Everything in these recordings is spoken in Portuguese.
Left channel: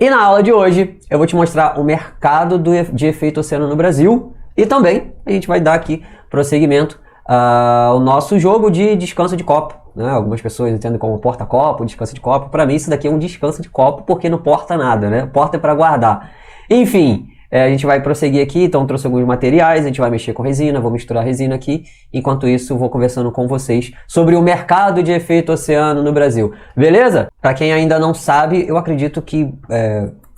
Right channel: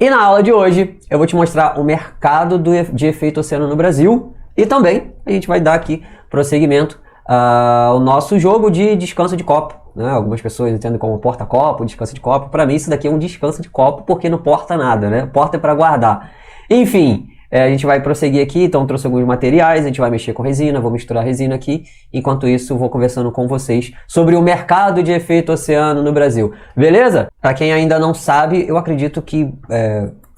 E na aula de hoje eu vou te mostrar o mercado de efeito oceano no Brasil e também a gente vai dar aqui prosseguimento ao nosso jogo de descanso de copo. Algumas pessoas entendem como porta-copo, descanso de copo. Para mim isso daqui é um descanso de copo porque não porta nada, né? Porta é para guardar. Enfim, a gente vai prosseguir aqui, então trouxe alguns materiais, a gente vai mexer com resina, vou misturar resina aqui. Enquanto isso, eu vou conversando com vocês sobre o mercado de efeito oceano no Brasil. Beleza? Para quem ainda não sabe, eu acredito que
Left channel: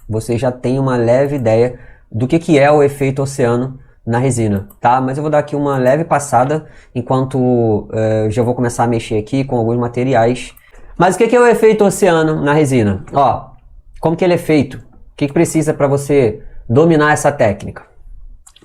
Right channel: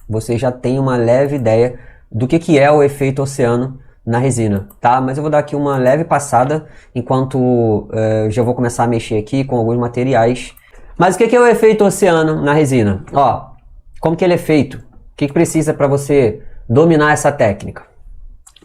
você já tem uma leve ideia do que é o efeito oceano na resina, tá? Mas eu vou dar aqui uma leve passada, enquanto já vou começar a mexer aqui com alguns materiais. Mas o que é o efeito oceano na resina? Ó, como que ele é feito? O que precisa para você dominar essa técnica?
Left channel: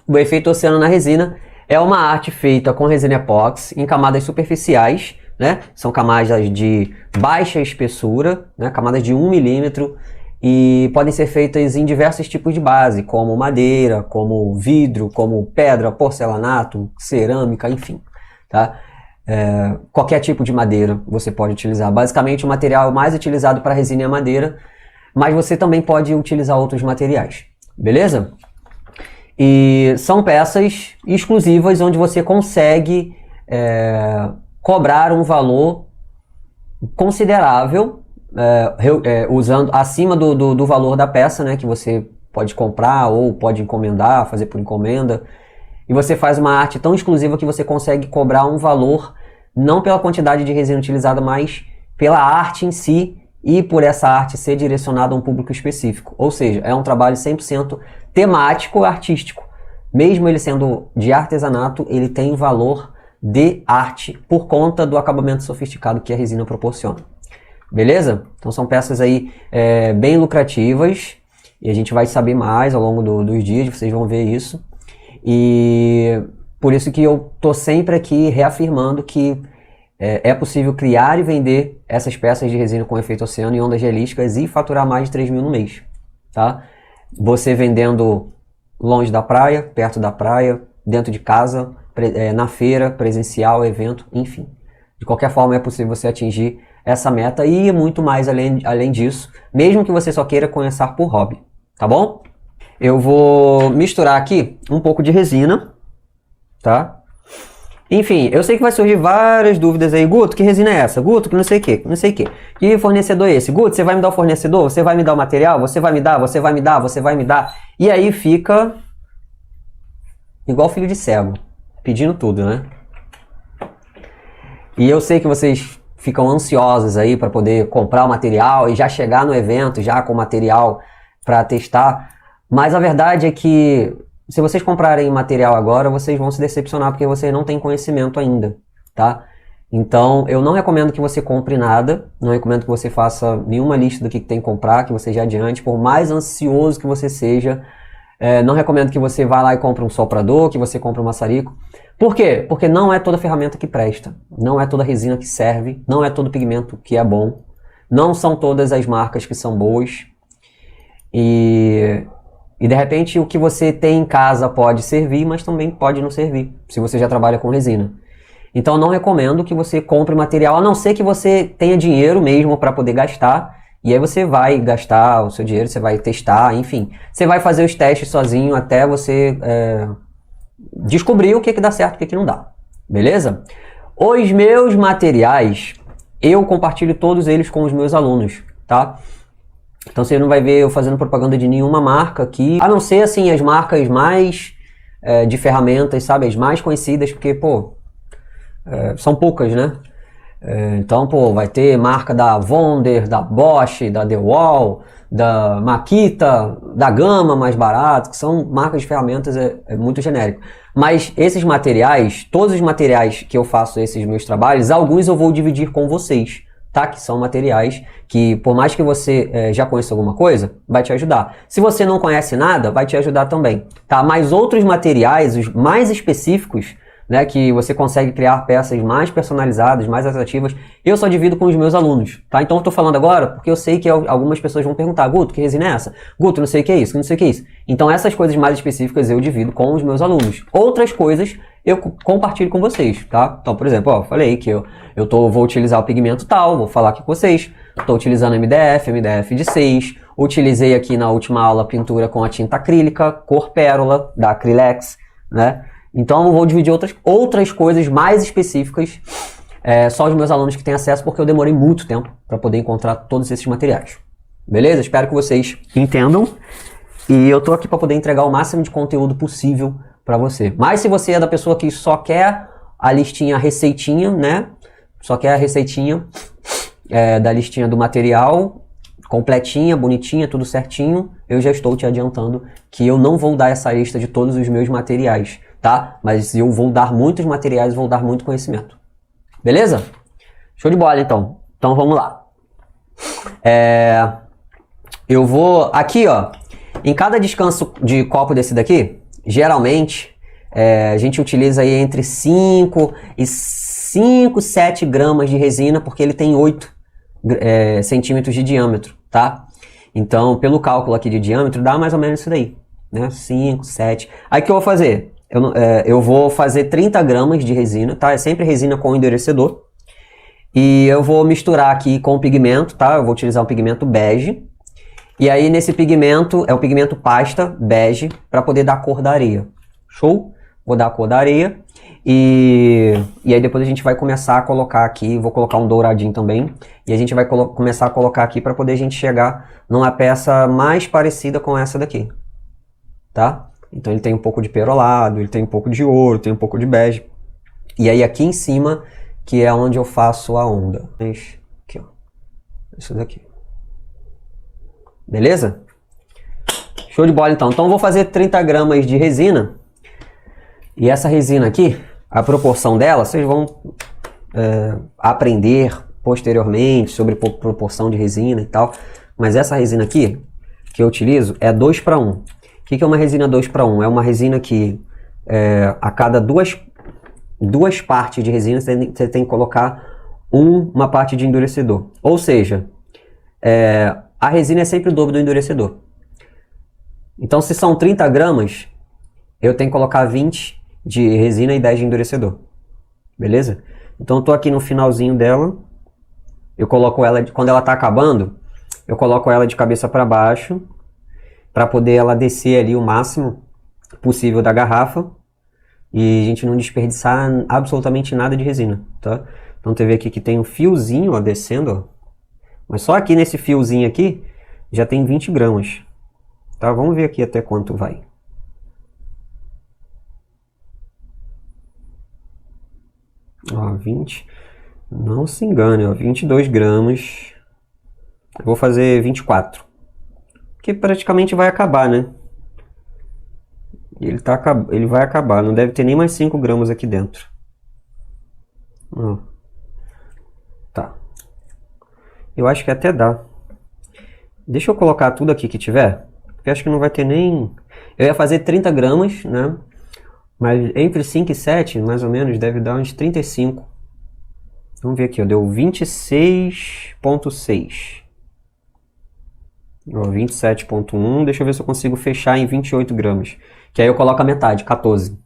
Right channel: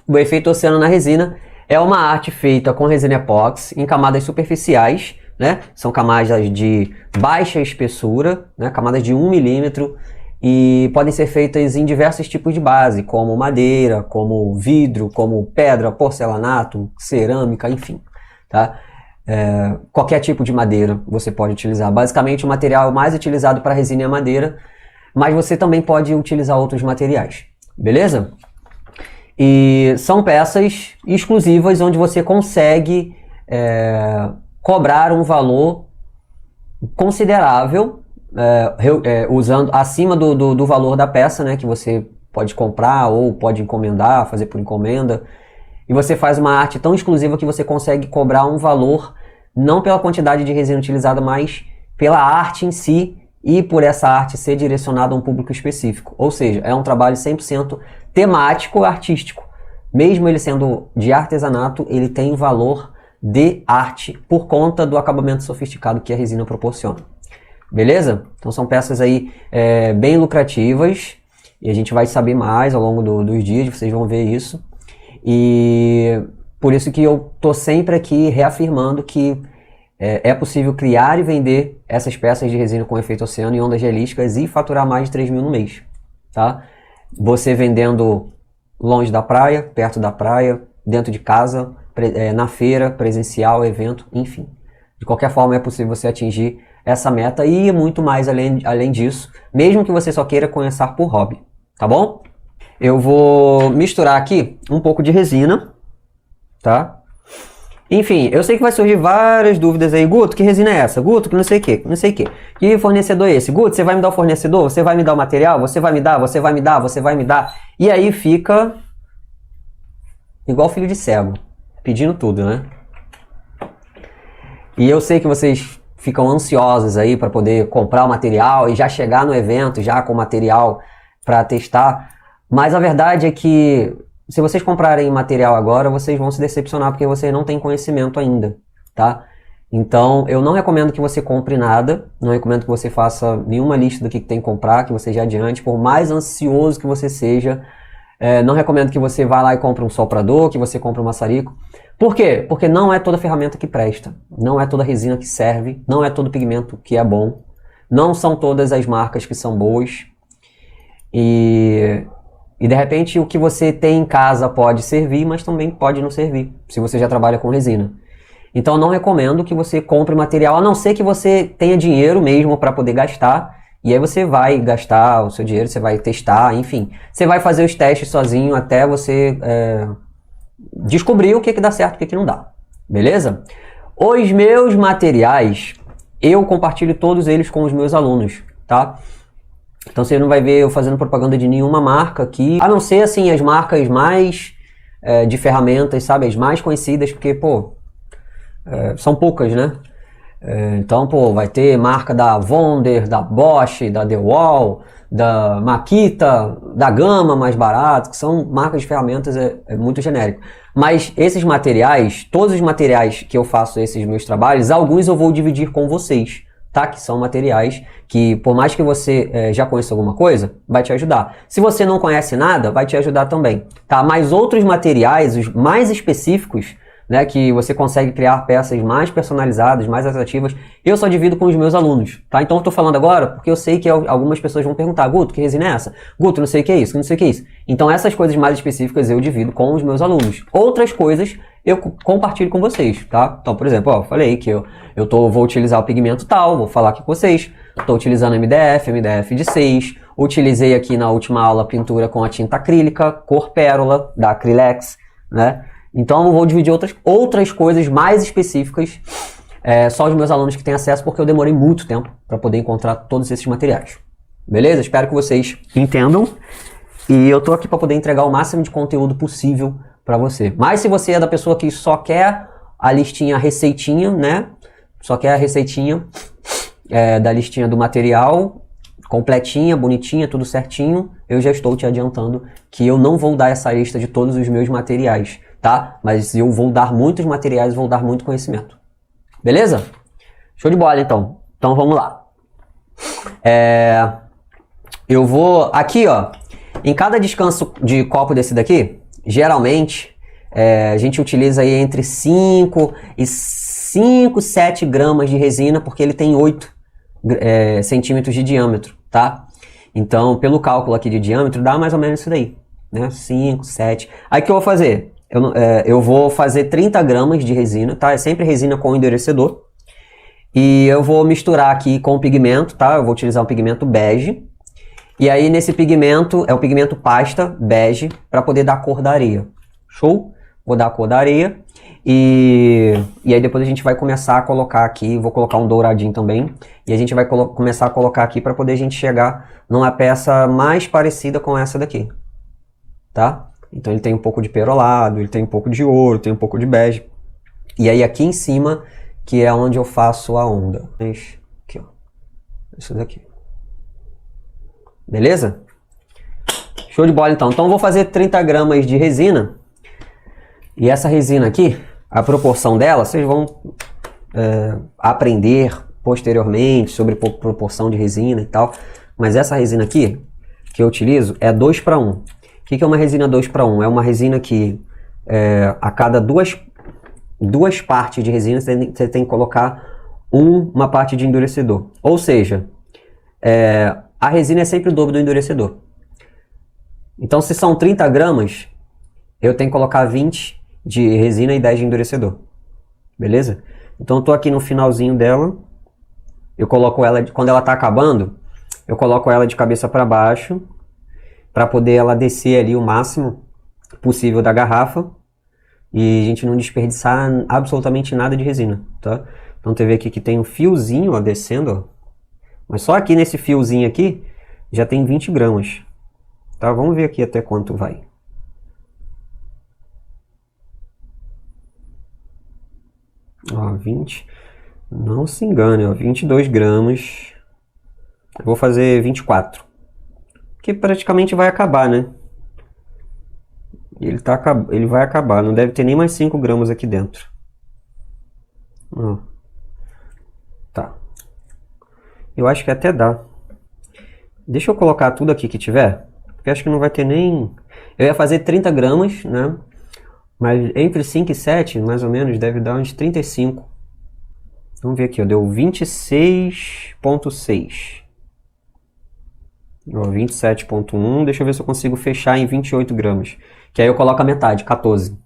O efeito oceano na resina é uma arte feita com resina epóxi em camadas superficiais, né? São camadas de baixa espessura, né? Camadas de 1 milímetro, e podem ser feitas em diversos tipos de base, como madeira, como vidro, como pedra, porcelanato, cerâmica, enfim, tá? Qualquer tipo de madeira você pode utilizar. Basicamente, o material mais utilizado para resina é a madeira, mas você também pode utilizar outros materiais. Beleza? E são peças exclusivas onde você consegue cobrar um valor considerável, usando acima do valor da peça, né, que você pode comprar ou pode encomendar, fazer por encomenda. E você faz uma arte tão exclusiva que você consegue cobrar um valor não pela quantidade de resina utilizada, mas pela arte em si, e por essa arte ser direcionada a um público específico. Ou seja, é um trabalho 100% temático artístico. Mesmo ele sendo de artesanato, ele tem valor de arte por conta do acabamento sofisticado que a resina proporciona. Beleza? Então são peças aí bem lucrativas e a gente vai saber mais ao longo dos dias, vocês vão ver isso. Por isso que eu tô sempre aqui reafirmando que é possível criar e vender essas peças de resina com efeito oceano e ondas gelísticas e faturar mais de 3 mil no mês, tá? Você vendendo longe da praia, perto da praia, dentro de casa, na feira, presencial, evento, enfim. De qualquer forma é possível você atingir essa meta e muito mais além disso, mesmo que você só queira começar por hobby, tá bom? Eu vou misturar aqui um pouco de resina, tá? Enfim, eu sei que vai surgir várias dúvidas aí. Guto, que resina é essa? Guto, que não sei o que, não sei o que. Que fornecedor é esse? Guto, você vai me dar o fornecedor? Você vai me dar o material? Você vai me dar? Você vai me dar? Você vai me dar? E aí fica igual filho de cego, pedindo tudo, né? E eu sei que vocês ficam ansiosos aí para poder comprar o material e já chegar no evento já com o material para testar. Mas a verdade é que se vocês comprarem material agora, vocês vão se decepcionar porque vocês não têm conhecimento ainda, tá? Então, eu não recomendo que você compre nada, não recomendo que você faça nenhuma lista do que tem que comprar, que você já adiante, por mais ansioso que você seja. Não recomendo que você vá lá e compre um soprador, que você compre um maçarico. Por quê? Porque não é toda ferramenta que presta, não é toda resina que serve, não é todo pigmento que é bom, não são todas as marcas que são boas. E de repente o que você tem em casa pode servir, mas também pode não servir, se você já trabalha com resina. Então não recomendo que você compre material, a não ser que você tenha dinheiro mesmo para poder gastar. E aí você vai gastar o seu dinheiro, você vai testar, enfim. Você vai fazer os testes sozinho até você descobrir o que dá certo e o que não dá. Beleza? Os meus materiais, eu compartilho todos eles com os meus alunos, tá? Então você não vai ver eu fazendo propaganda de nenhuma marca aqui, a não ser assim as marcas mais de ferramentas, sabe? As mais conhecidas, porque, são poucas, né? Então, vai ter marca da Wunder, da Bosch, da DeWalt, da Makita, da Gama mais barato, que são marcas de ferramentas muito genérico. Mas esses materiais, todos os materiais que eu faço esses meus trabalhos, alguns eu vou dividir com vocês, tá? Que são materiais que, por mais que você já conheça alguma coisa, vai te ajudar. Se você não conhece nada, vai te ajudar também, tá? Mas outros materiais, os mais específicos, né, que você consegue criar peças mais personalizadas, mais atrativas, eu só divido com os meus alunos, tá? Então eu tô falando agora porque eu sei que algumas pessoas vão perguntar: Guto, que resina é essa? Guto, não sei o que é isso, não sei o que é isso. Então essas coisas mais específicas eu divido com os meus alunos. Outras coisas eu compartilho com vocês, tá? Então, por exemplo, eu falei que vou utilizar o pigmento tal, vou falar aqui com vocês. Estou utilizando MDF de 6, Utilizei aqui na última aula a pintura com a tinta acrílica, cor pérola, da Acrylex, né? Então eu vou dividir outras coisas mais específicas, só os meus alunos que têm acesso, porque eu demorei muito tempo para poder encontrar todos esses materiais. Beleza? Espero que vocês entendam. E eu tô aqui para poder entregar o máximo de conteúdo possível para você. Mas se você é da pessoa que só quer a listinha, a receitinha, né? Só quer a receitinha da listinha do material, completinha, bonitinha, tudo certinho, eu já estou te adiantando que eu não vou dar essa lista de todos os meus materiais, tá? Mas eu vou dar muitos materiais, vou dar muito conhecimento. Beleza? Show de bola, então. Então vamos lá. Eu vou aqui, ó, em cada descanso de copo desse daqui, geralmente a gente utiliza aí entre 5 e 7 gramas de resina, porque ele tem 8 centímetros de diâmetro, tá? Então, pelo cálculo aqui de diâmetro, dá mais ou menos isso daí, né? 5, 7. Aí o que eu vou fazer? Eu vou fazer 30 gramas de resina, tá? É sempre resina com endurecedor. E eu vou misturar aqui com o pigmento, tá? Eu vou utilizar o pigmento bege. E aí nesse pigmento, é o pigmento pasta bege, para poder dar a cor da areia. Show? Vou dar a cor da areia. E aí depois a gente vai começar a colocar aqui, vou colocar um douradinho também. E a gente vai começar a colocar aqui para poder a gente chegar numa peça mais parecida com essa daqui. Tá? Então ele tem um pouco de perolado, ele tem um pouco de ouro, tem um pouco de bege. E aí aqui em cima, que é onde eu faço a onda. Aqui, ó. Isso daqui. Beleza? Show de bola então. Então eu vou fazer 30 gramas de resina. E essa resina aqui, a proporção dela, vocês vão aprender posteriormente sobre proporção de resina e tal. Mas essa resina aqui, que eu utilizo, é 2 para 1. O que é uma resina 2 para 1? É uma resina que a cada duas partes de resina você tem que colocar uma parte de endurecedor. Ou seja, a resina é sempre o dobro do endurecedor. Então, se são 30 gramas, eu tenho que colocar 20 de resina e 10 de endurecedor. Beleza? Então, eu tô aqui no finalzinho dela. Eu coloco ela, quando ela tá acabando, eu coloco ela de cabeça para baixo, para poder ela descer ali o máximo possível da garrafa. E a gente não desperdiçar absolutamente nada de resina, tá? Então, você vê aqui que tem um fiozinho, ó, descendo, ó. Mas só aqui nesse fiozinho aqui, já tem 20 gramas. Tá? Vamos ver aqui até quanto vai. Ó, 20. Não se engane, ó, 22 gramas. Eu vou fazer 24. Que praticamente vai acabar, né? Ele vai acabar. Não deve ter nem mais 5 gramas aqui dentro. Ó. Tá. Eu acho que até dá. Deixa eu colocar tudo aqui que tiver. Porque acho que não vai ter nem... Eu ia fazer 30 gramas, né? Mas entre 5 e 7, mais ou menos, deve dar uns 35. Vamos ver aqui, ó. Deu 26,6. 27,1. Deixa eu ver se eu consigo fechar em 28 gramas. Que aí eu coloco a metade, 14.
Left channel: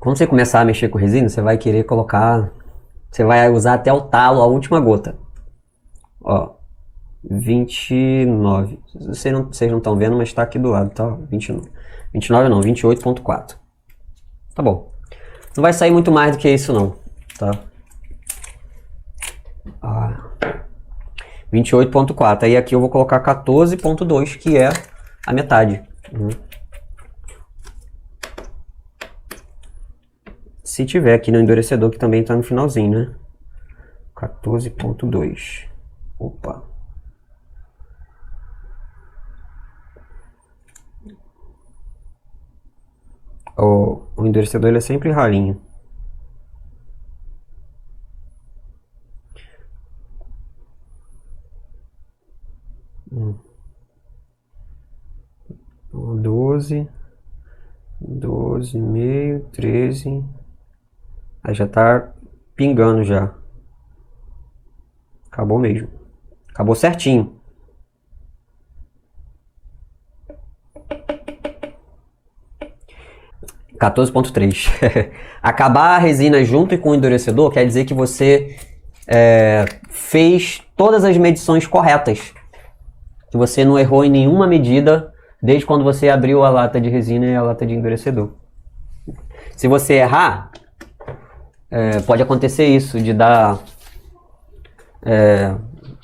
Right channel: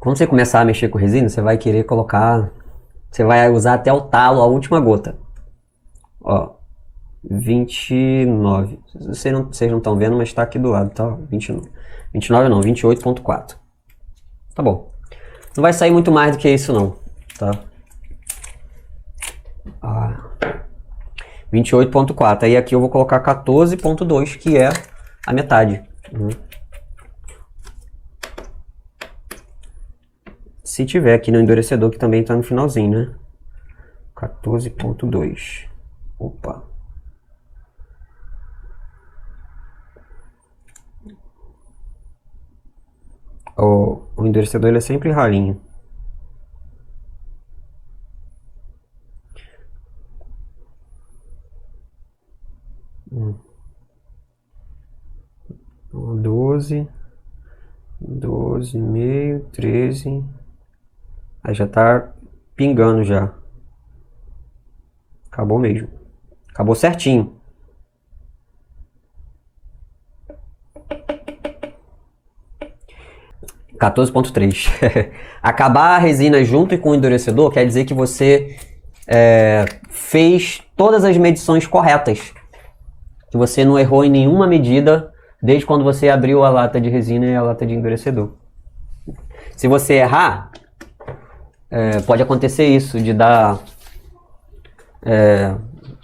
Quando você começar a mexer com resina, você vai querer colocar... Você vai usar até o talo, a última gota. Ó. 29. Vocês não estão vendo, mas está aqui do lado, tá? 29. 29 não, 28,4. Tá bom. Não vai sair muito mais do que isso, não. Tá? 28,4. Aí aqui eu vou colocar 14,2, que é a metade. Se tiver aqui no endurecedor, que também está no finalzinho, né? 14,2. Opa. O endurecedor ele é sempre ralinho. Ó, 12, 12,5, 13. Aí já tá pingando já. Acabou mesmo. Acabou certinho. (14,3). Acabar a resina junto com o endurecedor quer dizer que você fez todas as medições corretas. Que você não errou em nenhuma medida desde quando você abriu a lata de resina e a lata de endurecedor. Se você errar, pode acontecer isso, de dar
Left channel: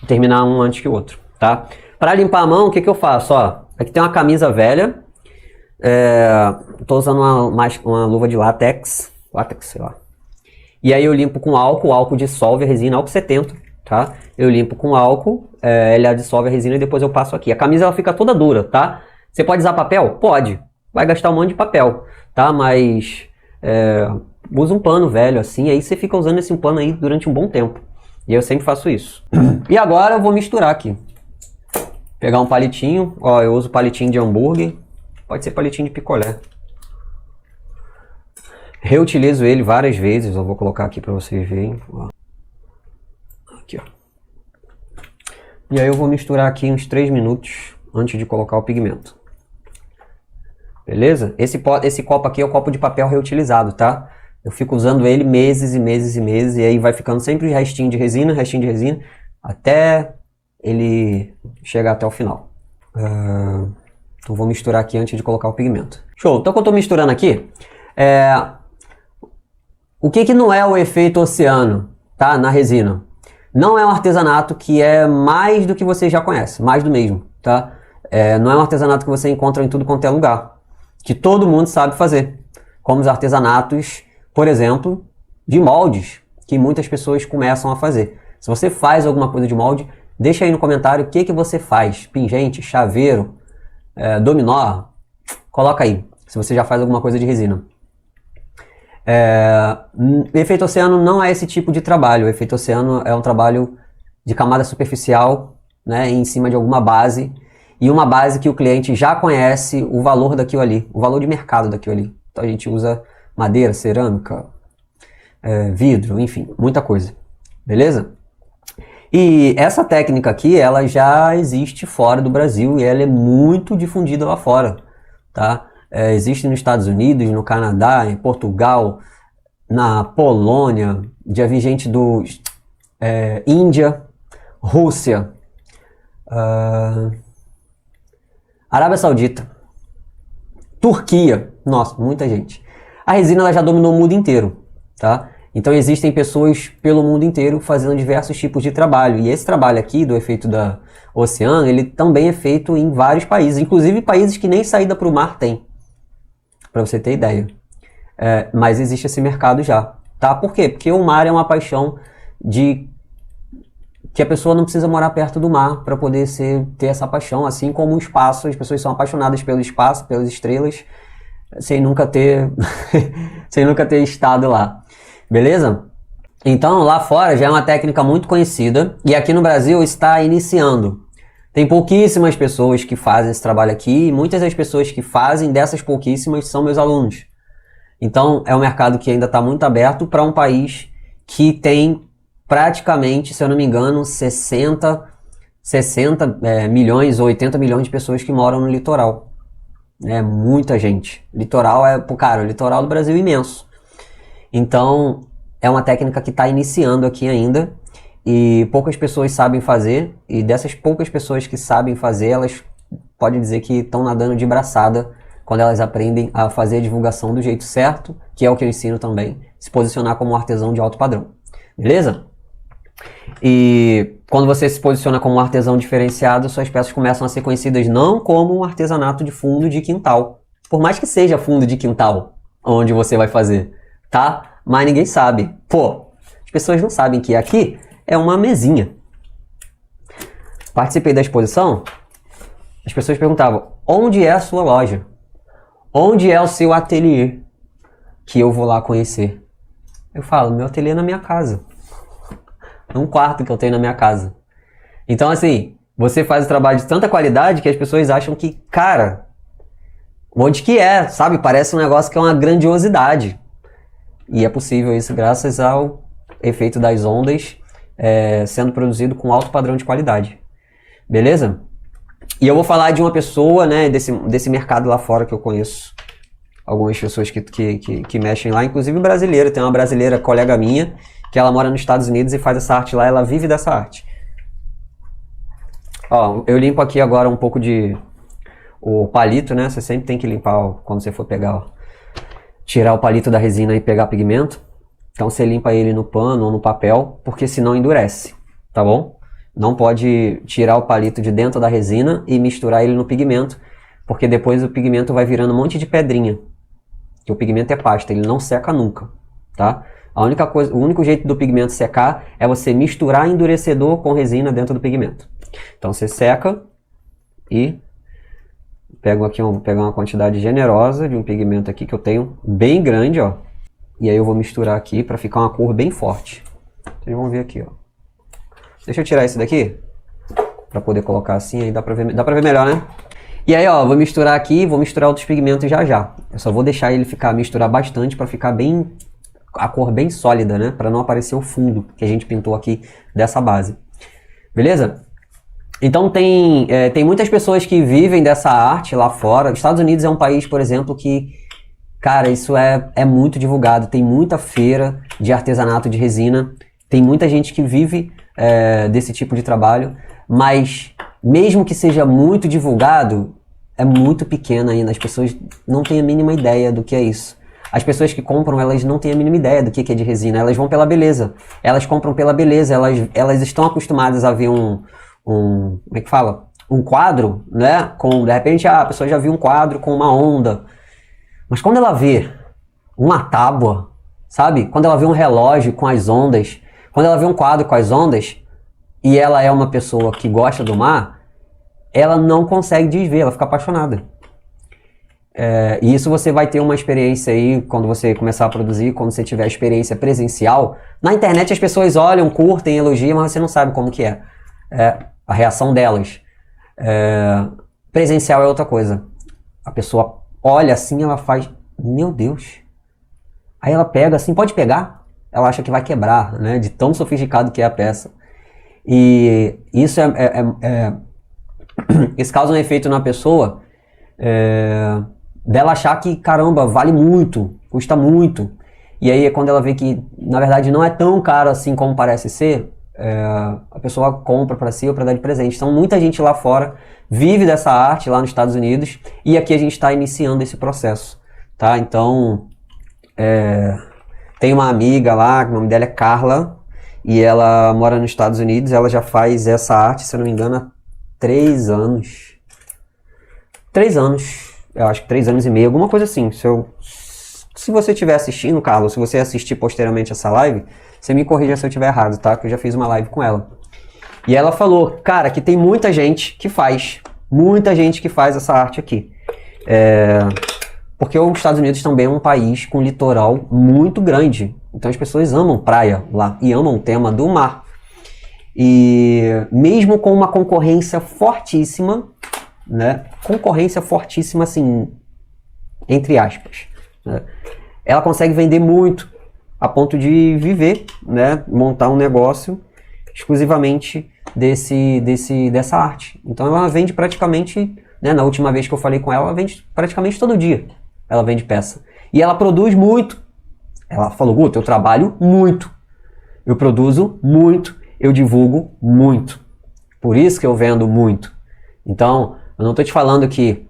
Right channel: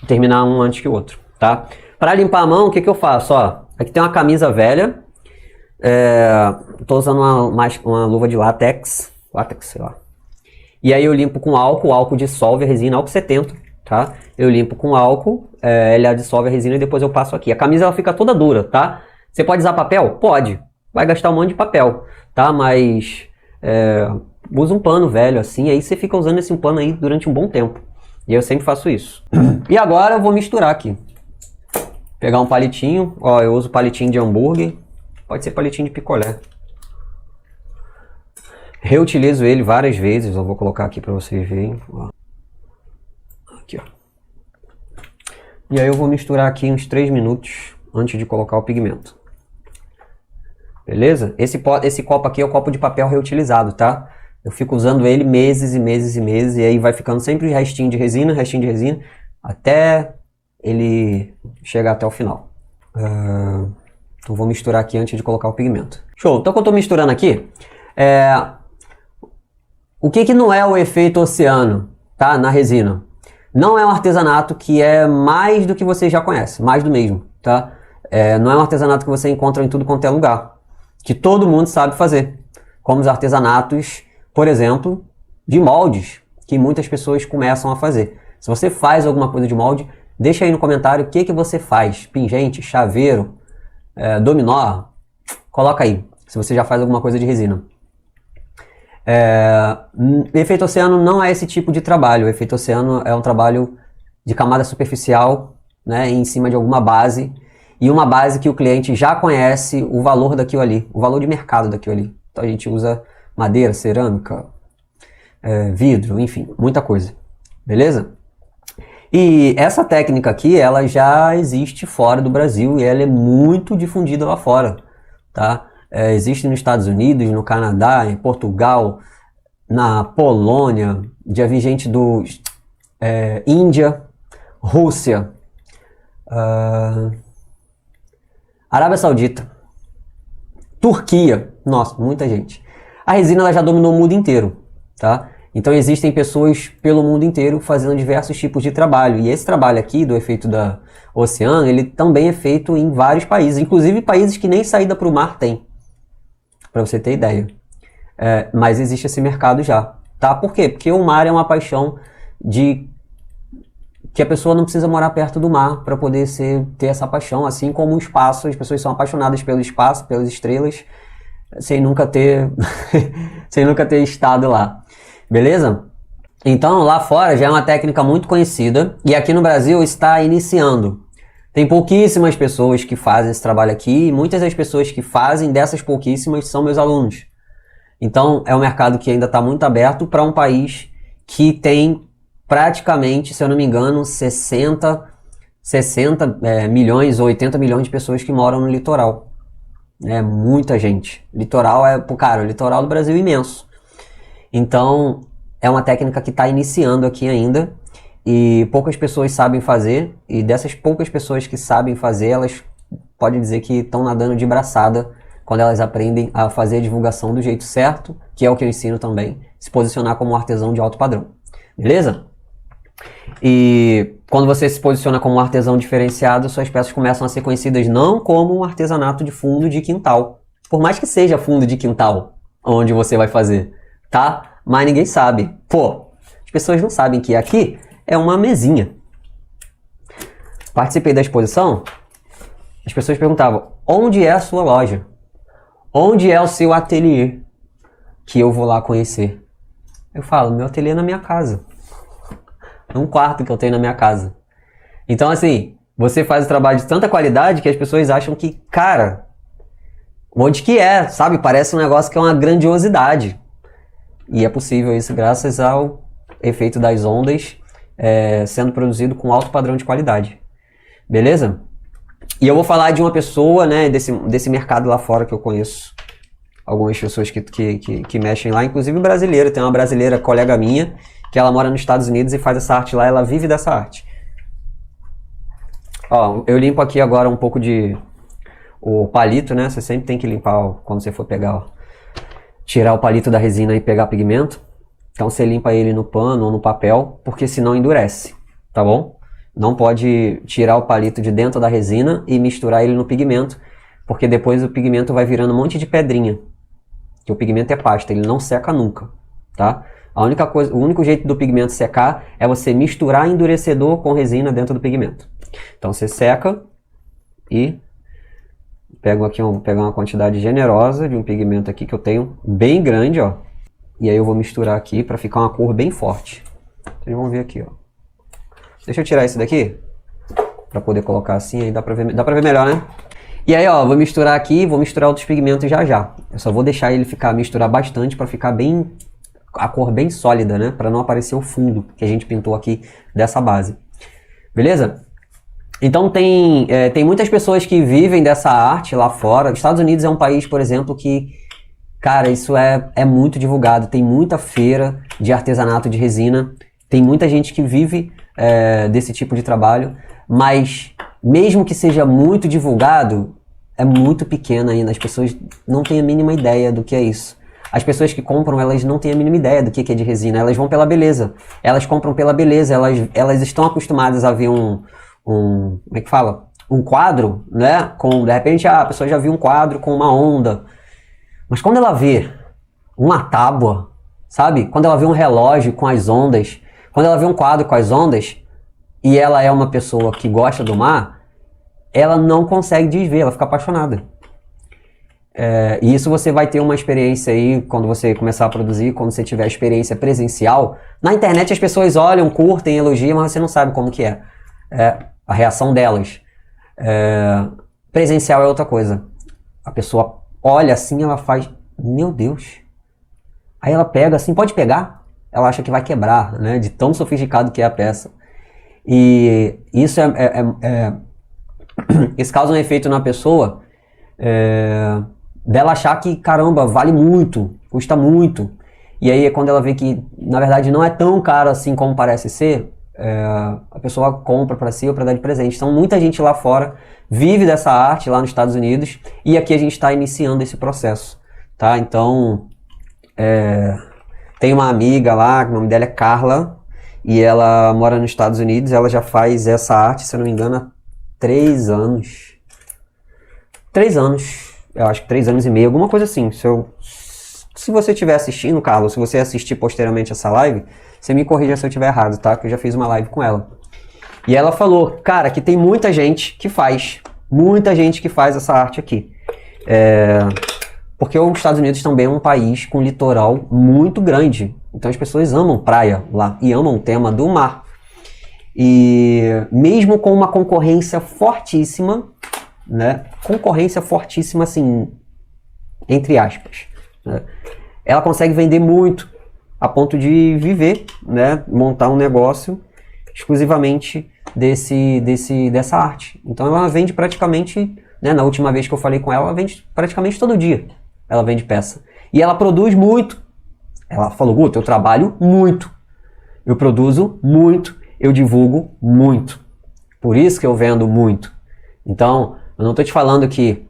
terminar um antes que o outro, tá? Para limpar a mão, o que eu faço? Ó, aqui tem uma camisa velha. Tô usando uma luva de látex, sei lá. E aí eu limpo com álcool, o álcool dissolve a resina, álcool 70, tá? Eu limpo com álcool, ele dissolve a resina e depois eu passo aqui. A camisa ela fica toda dura, tá? Você pode usar papel? Pode. Vai gastar um monte de papel, tá? Mas usa um pano velho assim, aí você fica usando esse pano aí durante um bom tempo. E eu sempre faço isso. E agora eu vou misturar aqui. Pegar um palitinho, eu uso palitinho de hambúrguer, pode ser palitinho de picolé. Reutilizo ele várias vezes, eu vou colocar aqui para vocês verem. Aqui, ó. E aí eu vou misturar aqui uns 3 minutos antes de colocar o pigmento. Beleza? Esse copo aqui é o copo de papel reutilizado, tá? Eu fico usando ele meses e meses e meses, e aí vai ficando sempre restinho de resina, até ele chegar até o final. Então vou misturar aqui antes de colocar o pigmento. Show! Então que eu tô misturando aqui, o que não é o efeito oceano, tá? Na resina? Não é um artesanato que é mais do que você já conhece, mais do mesmo, tá? Não é um artesanato que você encontra em tudo quanto é lugar, que todo mundo sabe fazer. Como os artesanatos, por exemplo, de moldes, que muitas pessoas começam a fazer. Se você faz alguma coisa de molde, deixa aí no comentário o que você faz. Pingente, chaveiro, dominó, coloca aí, se você já faz alguma coisa de resina. O efeito oceano não é esse tipo de trabalho. O efeito oceano é um trabalho de camada superficial, né, em cima de alguma base, e uma base que o cliente já conhece o valor daquilo ali, o valor de mercado daquilo ali. Então a gente usa madeira, cerâmica, vidro, enfim, muita coisa. Beleza? E essa técnica aqui, ela já existe fora do Brasil e ela é muito difundida lá fora, tá? Existe nos Estados Unidos, no Canadá, em Portugal, na Polônia, já vi gente do Índia, Rússia, Arábia Saudita, Turquia, nossa, muita gente. A resina ela já dominou o mundo inteiro, tá? Então existem pessoas pelo mundo inteiro fazendo diversos tipos de trabalho. E esse trabalho aqui do efeito da oceano, ele também é feito em vários países, inclusive países que nem saída para o mar tem. Para você ter ideia. Mas existe esse mercado já. Tá? Por quê? Porque o mar é uma paixão que a pessoa não precisa morar perto do mar para poder ter essa paixão. Assim como o espaço, as pessoas são apaixonadas pelo espaço, pelas estrelas, sem nunca ter estado lá. Beleza? Então lá fora já é uma técnica muito conhecida e aqui no Brasil está iniciando. Tem pouquíssimas pessoas que fazem esse trabalho aqui e muitas das pessoas que fazem, dessas pouquíssimas, são meus alunos. Então é um mercado que ainda está muito aberto para um país que tem praticamente, se eu não me engano, 60 milhões ou 80 milhões de pessoas que moram no litoral. É muita gente. Litoral o litoral do Brasil é imenso. Então é uma técnica que está iniciando aqui ainda. E poucas pessoas sabem fazer, e dessas poucas pessoas que sabem fazer, elas podem dizer que estão nadando de braçada quando elas aprendem a fazer a divulgação do jeito certo, que é o que eu ensino também, se posicionar como um artesão de alto padrão. Beleza? E quando você se posiciona como um artesão diferenciado, suas peças começam a ser conhecidas não como um artesanato de fundo de quintal. Por mais que seja fundo de quintal, onde você vai fazer, tá? Mas ninguém sabe. Pô, as pessoas não sabem que aqui é uma mesinha. Participei da exposição, as pessoas perguntavam, onde é a sua loja? Onde é o seu ateliê? Que eu vou lá conhecer. Eu falo, meu ateliê é na minha casa. É um quarto que eu tenho na minha casa. Então assim, você faz o trabalho de tanta qualidade que as pessoas acham que, cara, onde que é, sabe? Parece um negócio que é uma grandiosidade. E é possível isso graças ao efeito das ondas sendo produzido com alto padrão de qualidade. Beleza? E eu vou falar de uma pessoa, né, desse mercado lá fora que eu conheço. Algumas pessoas que mexem lá, inclusive brasileira. Tem uma brasileira, colega minha, que ela mora nos Estados Unidos e faz essa arte lá, ela vive dessa arte. Ó, eu limpo aqui agora um pouco de o palito, né? Você sempre tem que limpar ó, quando você for pegar, ó, tirar o palito da resina e pegar pigmento. Então você limpa ele no pano ou no papel, porque senão endurece, tá bom? Não pode tirar o palito de dentro da resina e misturar ele no pigmento, porque depois o pigmento vai virando um monte de pedrinha. O pigmento é pasta, ele não seca nunca, tá? A única coisa, o único jeito do pigmento secar é você misturar endurecedor com resina dentro do pigmento. Então você seca e pego aqui pegar uma quantidade generosa de um pigmento aqui que eu tenho bem grande, ó. E aí eu vou misturar aqui para ficar uma cor bem forte. Vocês vão ver aqui, ó. Deixa eu tirar esse daqui para poder colocar assim, aí dá para ver melhor, né? E aí, ó, eu vou misturar aqui, vou misturar outros pigmentos já já. Eu só vou deixar ele misturar bastante para ficar bem a cor bem sólida, né? Para não aparecer o fundo que a gente pintou aqui dessa base. Beleza? Então tem muitas pessoas que vivem dessa arte lá fora. Os Estados Unidos é um país, por exemplo, que, cara, isso é muito divulgado. Tem muita feira de artesanato de resina. Tem muita gente que vive desse tipo de trabalho. Mas, mesmo que seja muito divulgado, é muito pequeno ainda. As pessoas não têm a mínima ideia do que é isso. As pessoas que compram, elas não têm a mínima ideia do que é de resina. Elas vão pela beleza. Elas compram pela beleza. Elas estão acostumadas a ver como é que fala? Um quadro, né? De repente, a pessoa já viu um quadro com uma onda. Mas quando ela vê uma tábua, sabe? Quando ela vê um relógio com as ondas, quando ela vê um quadro com as ondas, e ela é uma pessoa que gosta do mar, ela não consegue desver, ela fica apaixonada. E isso você vai ter uma experiência aí, quando você começar a produzir, quando você tiver experiência presencial. Na internet as pessoas olham, curtem, elogiam, mas você não sabe como que é. A reação delas. Presencial é outra coisa. A pessoa olha assim, ela faz, meu Deus. Aí ela pega assim, pode pegar. Ela acha que vai quebrar, né? De tão sofisticado que é a peça. E isso isso causa um efeito na pessoa dela achar que, caramba, vale muito, custa muito. E aí quando ela vê que, na verdade, não é tão caro assim como parece ser, a pessoa compra para si ou para dar de presente. Então muita gente lá fora vive dessa arte lá nos Estados Unidos e aqui a gente está iniciando esse processo, tá? Então tem uma amiga lá, o nome dela é Carla, e ela mora nos Estados Unidos. Ela já faz essa arte, se eu não me engano, há 3 anos. 3 anos, eu acho que 3 anos e meio, alguma coisa assim. Se você estiver assistindo, Carlos, se você assistir posteriormente essa live, você me corrija se eu estiver errado, tá? Que eu já fiz uma live com ela. E ela falou, cara, que tem muita gente que faz essa arte aqui. Porque os Estados Unidos também é um país com litoral muito grande. Então as pessoas amam praia lá e amam o tema do mar. E mesmo com uma concorrência fortíssima, né? Concorrência fortíssima, assim, entre aspas, né? Ela consegue vender muito a ponto de viver, né? Montar um negócio exclusivamente dessa arte. Então ela vende praticamente, né? Na última vez que eu falei com ela, ela vende praticamente todo dia. Ela vende peça. E ela produz muito. Ela falou, Guto, eu trabalho muito. Eu produzo muito. Eu divulgo muito. Por isso que eu vendo muito. Então, eu não estou te falando que,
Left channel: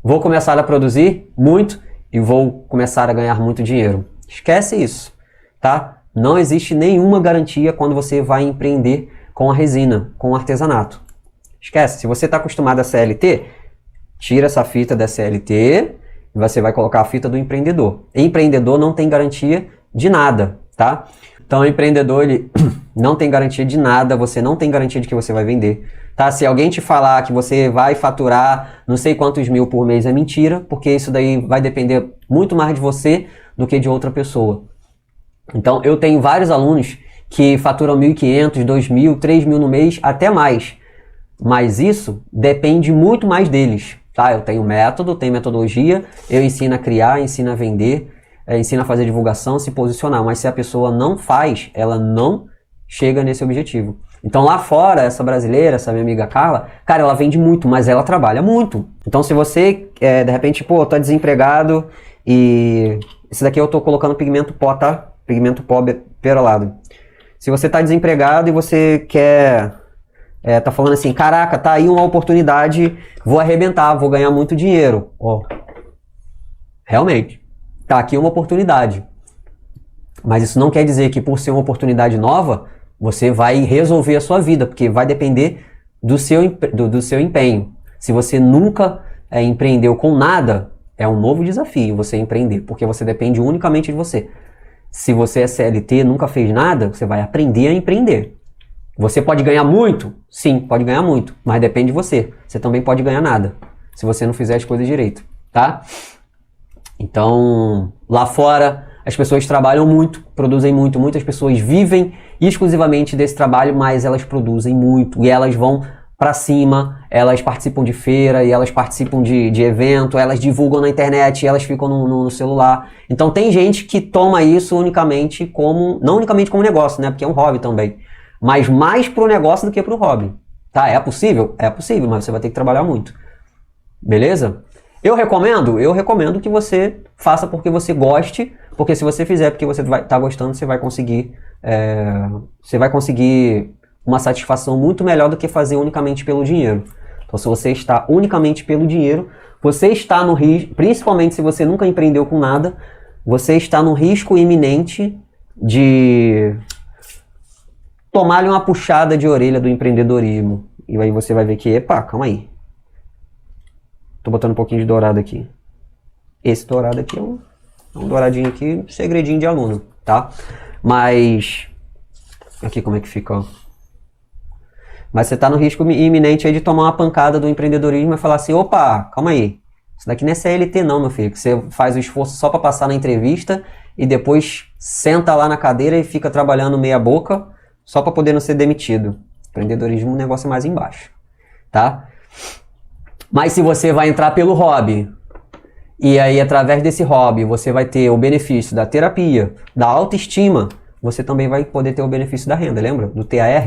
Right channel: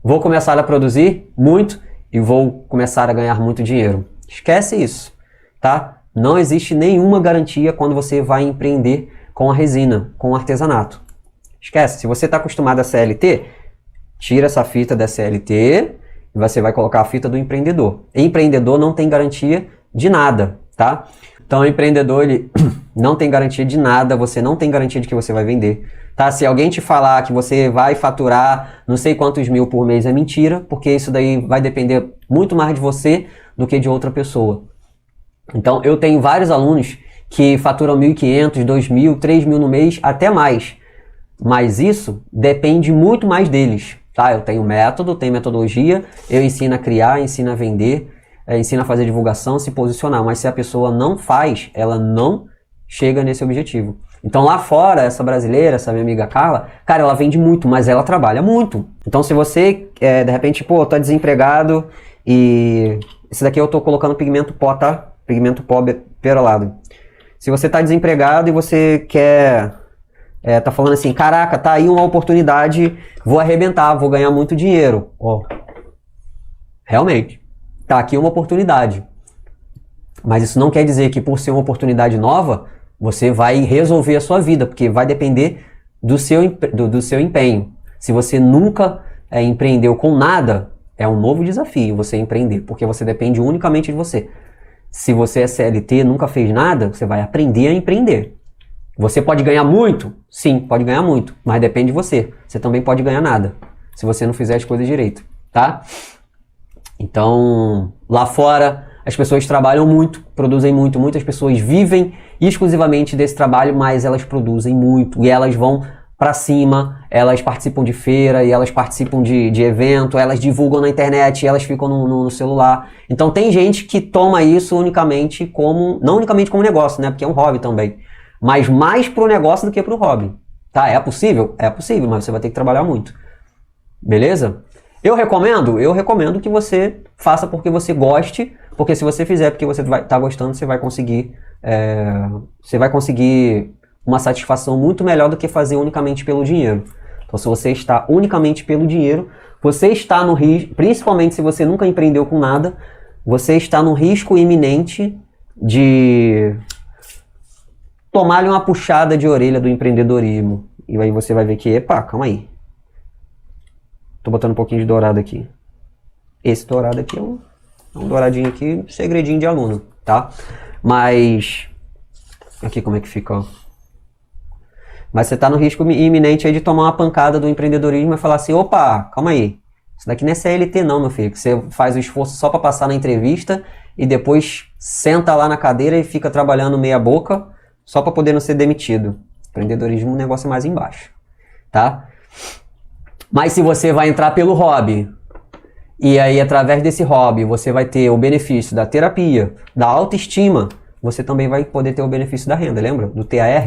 vou começar a produzir muito e vou começar a ganhar muito dinheiro. Esquece isso, tá? Não existe nenhuma garantia quando você vai empreender com a resina, com o artesanato. Esquece, se você está acostumado a CLT, tira essa fita da CLT e você vai colocar a fita do empreendedor. Empreendedor não tem garantia de nada, tá? Então, o empreendedor, ele não tem garantia de nada, você não tem garantia de que você vai vender, tá? Se alguém te falar que você vai faturar não sei quantos mil por mês, é mentira, porque isso daí vai depender muito mais de você do que de outra pessoa. Então, eu tenho vários alunos que faturam 1.500, 2.000, 3.000 no mês, até mais. Mas isso depende muito mais deles, tá? Eu tenho método, tenho metodologia, eu ensino a criar, ensino a vender, ensino a fazer divulgação, se posicionar. Mas se a pessoa não faz, ela não chega nesse objetivo. Então lá fora, essa brasileira, essa minha amiga Carla, cara, ela vende muito, mas ela trabalha muito. Então se você, de repente, tá desempregado e esse daqui eu tô colocando pigmento pó, tá? perolado. Se você está desempregado e você quer... tá falando assim, caraca, tá aí uma oportunidade, vou arrebentar, vou ganhar muito dinheiro. Ó, realmente, tá aqui uma oportunidade. Mas isso não quer dizer que por ser uma oportunidade nova, você vai resolver a sua vida, porque vai depender do seu empenho. Se você nunca empreendeu com nada, é um novo desafio você empreender, porque você depende unicamente de você. Se você é CLT, nunca fez nada, você vai aprender a empreender. Você pode ganhar muito? Sim, pode ganhar muito, mas depende de você. Você também pode ganhar nada, se você não fizer as coisas direito, tá? Então, lá fora, as pessoas trabalham muito, produzem muito, muitas pessoas vivem exclusivamente desse trabalho, mas elas produzem muito e elas vão pra cima, elas participam de feira e elas participam de evento, elas divulgam na internet, elas ficam no celular. Então tem gente que toma isso unicamente como, não unicamente como negócio, né? Porque é um hobby também, mas mais pro negócio do que pro hobby. Tá? É possível? É possível, mas você vai ter que trabalhar muito. Beleza? Eu recomendo que você faça porque você goste, porque se você fizer porque você vai estar gostando, você vai conseguir uma satisfação muito melhor do que fazer unicamente pelo dinheiro. Então, se você está unicamente pelo dinheiro, você está no risco, principalmente se você nunca empreendeu com nada, você está no risco iminente de tomar-lhe uma puxada de orelha do empreendedorismo. E aí você vai ver que, epa, calma aí. Tô botando um pouquinho de dourado aqui. Esse dourado aqui é um douradinho aqui, segredinho de aluno, tá? Mas... aqui como é que fica, ó. Mas você tá no risco iminente aí de tomar uma pancada do empreendedorismo e falar assim, opa, calma aí. Isso daqui não é CLT não, meu filho. Que você faz o esforço só pra passar na entrevista e depois senta lá na cadeira e fica trabalhando meia boca só pra poder não ser demitido. Empreendedorismo é um negócio mais embaixo, tá? Mas se você vai entrar pelo hobby, e aí através desse hobby você vai ter o benefício da terapia, da autoestima, você também vai poder ter o benefício da renda, lembra? Do TAR,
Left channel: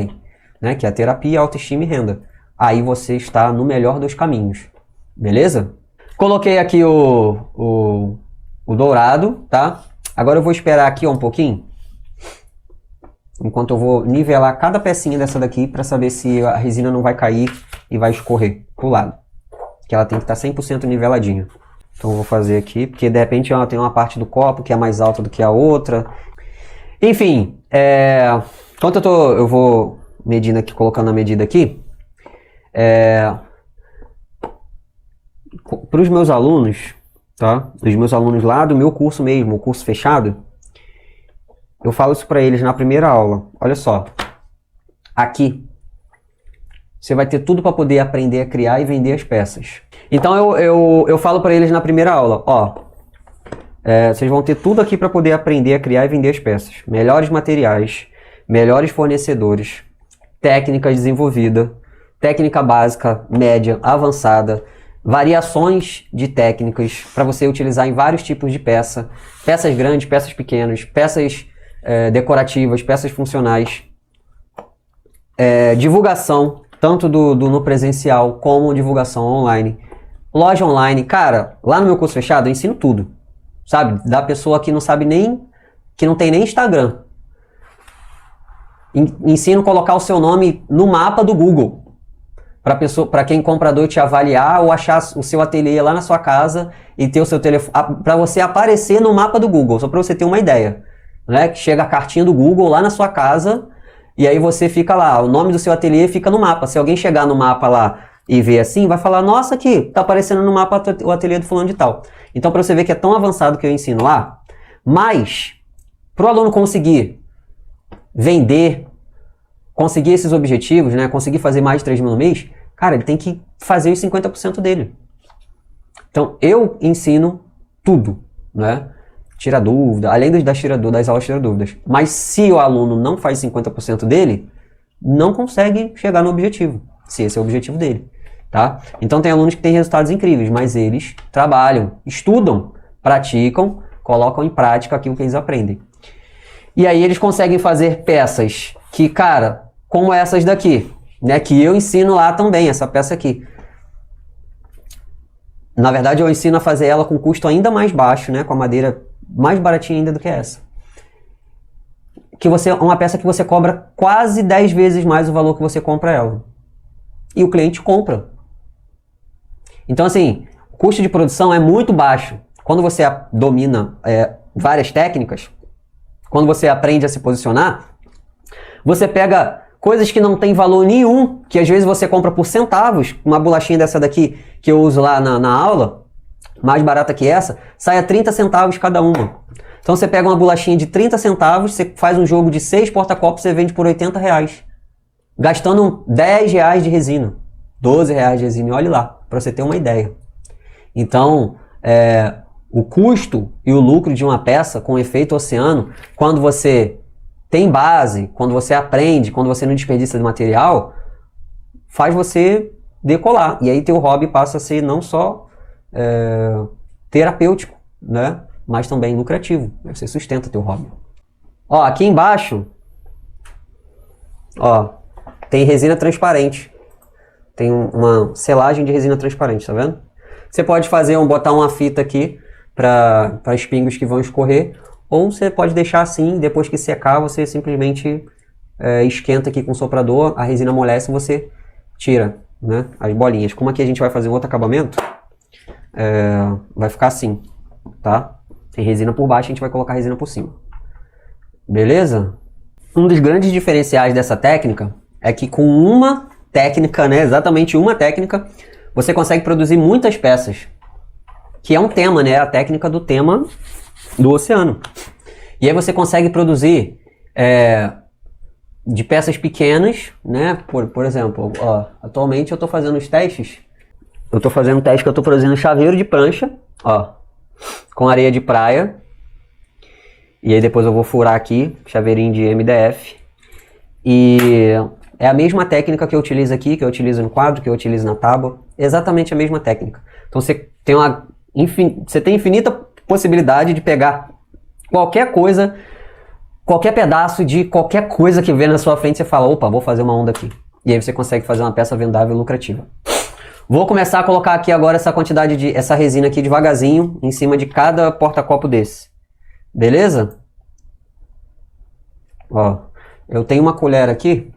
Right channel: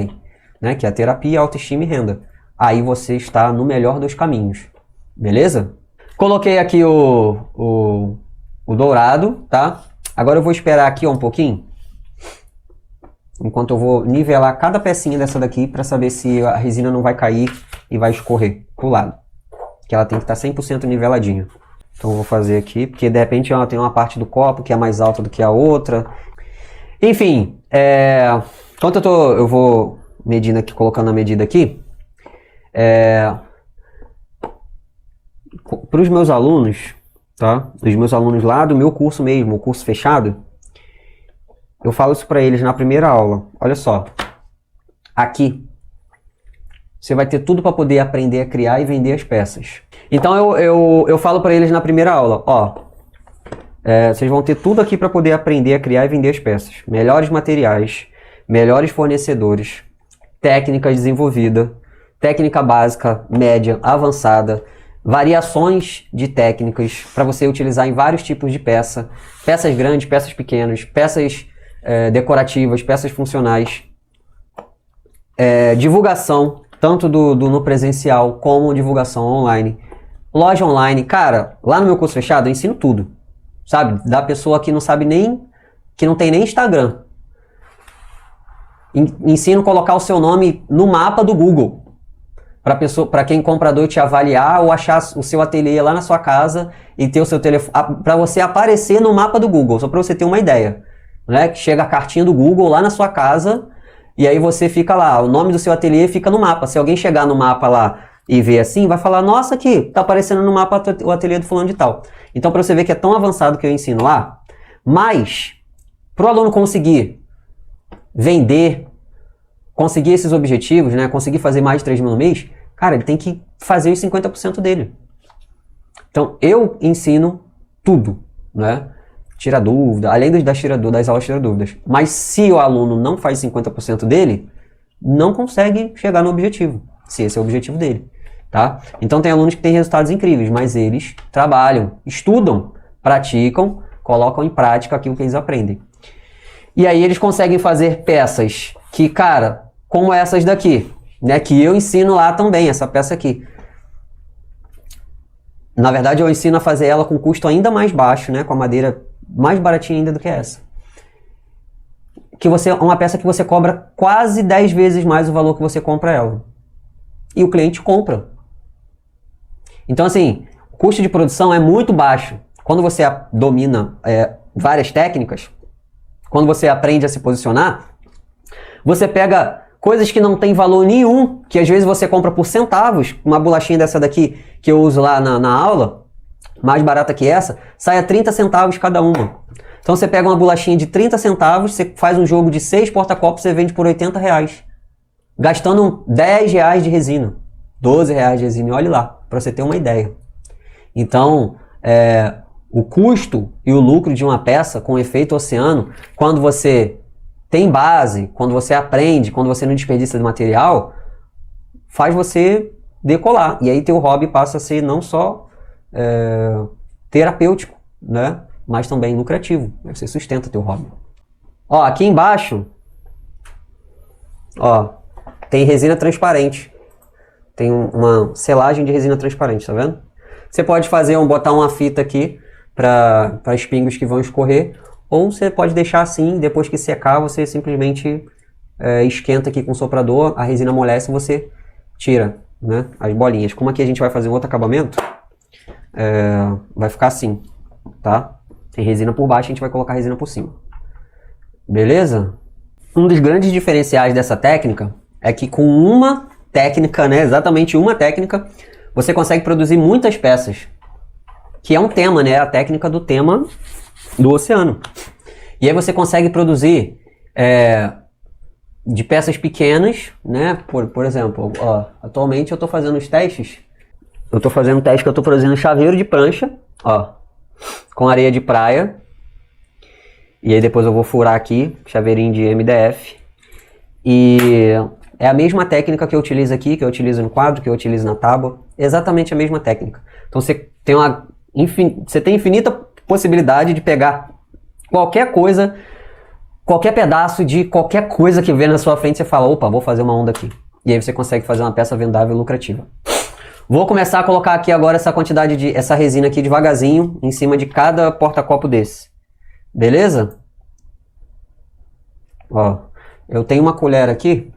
né? Que é a terapia, autoestima e renda. Aí você está no melhor dos caminhos, beleza? Coloquei aqui o dourado, tá? Agora eu vou esperar aqui um pouquinho, enquanto eu vou nivelar cada pecinha dessa daqui para saber se a resina não vai cair e vai escorrer pro lado. Que ela tem que estar 100% niveladinha. Então eu vou fazer aqui, porque de repente ela tem uma parte do copo que é mais alta do que a outra. Enfim, enquanto eu vou medindo aqui, colocando a medida aqui, para os meus alunos, tá? Os meus alunos lá do meu curso mesmo, o curso fechado, eu falo isso para eles na primeira aula. Olha só, aqui você vai ter tudo para poder aprender a criar e vender as peças. Então eu falo para eles na primeira aula, ó, vocês vão ter tudo aqui para poder aprender a criar e vender as peças. Melhores materiais, melhores fornecedores, técnica desenvolvida, técnica básica, média, avançada, variações de técnicas para você utilizar em vários tipos de peça, peças grandes, peças pequenas, peças decorativas, peças funcionais, divulgação, tanto no presencial como divulgação online. Loja online, cara, lá no meu curso fechado eu ensino tudo, sabe? Da pessoa que não sabe nem, que não tem nem Instagram. Ensino a colocar o seu nome no mapa do Google, para quem comprador te avaliar ou achar o seu ateliê lá na sua casa e ter o seu telefone, para você aparecer no mapa do Google, só para você ter uma ideia, né? Chega a cartinha do Google lá na sua casa. E aí você fica lá, o nome do seu ateliê fica no mapa. Se alguém chegar no mapa lá e ver assim, vai falar, nossa, aqui, tá aparecendo no mapa o ateliê do fulano de tal. Então, para você ver que é tão avançado que eu ensino lá, mas, pro aluno conseguir vender, conseguir esses objetivos, né, conseguir fazer mais de 3 mil no mês, cara, ele tem que fazer os 50% dele. Então, eu ensino tudo, né? Tira dúvida, além das aulas tira dúvidas. Mas se o aluno não faz 50% dele, não consegue chegar no objetivo, se esse é o objetivo dele, tá? Então tem alunos que têm resultados incríveis, mas eles trabalham, estudam, praticam, colocam em prática aquilo que eles aprendem. E aí eles conseguem fazer peças que, cara, como essas daqui, né? Que eu ensino lá também, essa peça aqui. Na verdade eu ensino a fazer ela com custo ainda mais baixo, né? Com a madeira mais baratinha ainda do que essa. uma peça que você cobra quase 10 vezes mais o valor que você compra ela. E o cliente compra. Então, assim, o custo de produção é muito baixo. Quando você domina várias técnicas, quando você aprende a se posicionar, você pega coisas que não tem valor nenhum, que às vezes você compra por centavos, uma bolachinha dessa daqui que eu uso lá na aula, mais barata que essa, sai a 30 centavos cada uma. Então você pega uma bolachinha de 30 centavos, você faz um jogo de 6 porta-copos, você vende por R$80, gastando R$10 de resina, R$12 de resina, e olha lá, para você ter uma ideia. Então, o custo e o lucro de uma peça com efeito oceano, quando você tem base, quando você aprende, quando você não desperdiça de material, faz você decolar. E aí teu hobby passa a ser não só terapêutico, né? Mas também lucrativo. Você sustenta teu hobby. Ó, aqui embaixo, ó, tem resina transparente. Tem uma selagem de resina transparente, tá vendo? Você pode botar uma fita aqui para os pingos que vão escorrer, ou você pode deixar assim, depois que secar, você simplesmente esquenta aqui com o soprador, a resina amolece e você tira, né, as bolinhas. Como aqui a gente vai fazer outro acabamento, vai ficar assim, tá? Tem resina por baixo, a gente vai colocar resina por cima. Beleza? Um dos grandes diferenciais dessa técnica é que com uma técnica, né, exatamente uma técnica, você consegue produzir muitas peças. Que é um tema, né? A técnica do tema do oceano. E aí você consegue produzir de peças pequenas, né? Por exemplo, ó, atualmente eu estou fazendo os testes. Eu estou fazendo um teste que eu estou produzindo chaveiro de prancha, ó, com areia de praia. E aí depois eu vou furar aqui, chaveirinho de MDF. E é a mesma técnica que eu utilizo aqui, que eu utilizo no quadro, que eu utilizo na tábua. É exatamente a mesma técnica. Então você tem infinita possibilidade de pegar qualquer coisa, qualquer pedaço de qualquer coisa que vê na sua frente, você fala, opa, vou fazer uma onda aqui. E aí você consegue fazer uma peça vendável e lucrativa. Vou começar a colocar aqui agora essa resina aqui devagarzinho, em cima de cada porta-copo desse. Beleza? Ó, eu tenho uma colher aqui,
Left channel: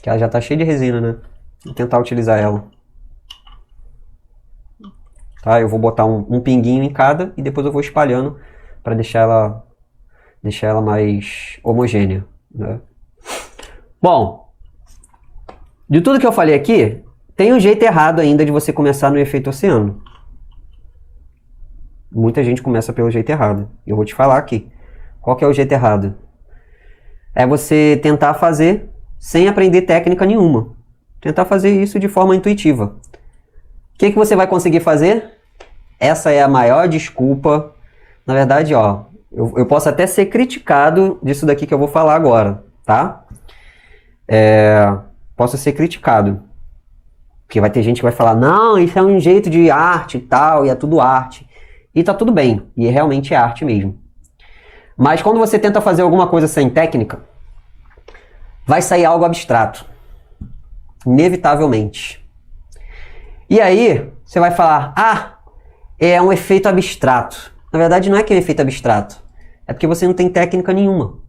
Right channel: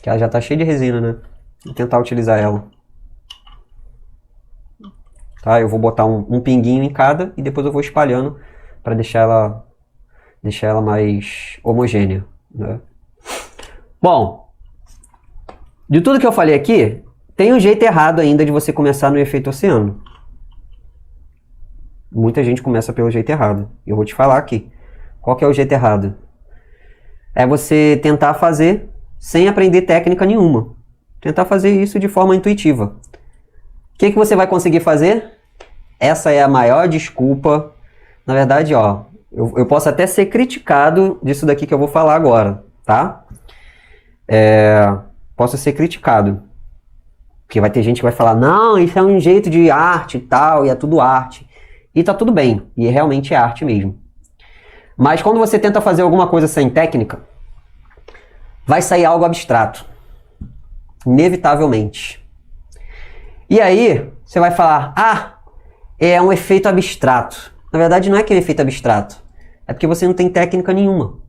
que ela já tá cheia de resina, né? Vou tentar utilizar ela. Tá? Eu vou botar um pinguinho em cada e depois eu vou espalhando para deixar ela mais homogênea, né? Bom, de tudo que eu falei aqui, tem um jeito errado ainda de você começar no efeito oceano. Muita gente começa pelo jeito errado. Eu vou te falar aqui. Qual que é o jeito errado? É você tentar fazer sem aprender técnica nenhuma. Tentar fazer isso de forma intuitiva. O que você vai conseguir fazer? Essa é a maior desculpa. Na verdade, ó, eu posso até ser criticado disso daqui que eu vou falar agora, tá? Posso ser criticado. Porque vai ter gente que vai falar, não, isso é um jeito de arte e tal, e é tudo arte. E tá tudo bem. E realmente é arte mesmo. Mas quando você tenta fazer alguma coisa sem técnica, vai sair algo abstrato. Inevitavelmente. E aí, você vai falar, é um efeito abstrato. Na verdade, não é que é um efeito abstrato. É porque você não tem técnica nenhuma.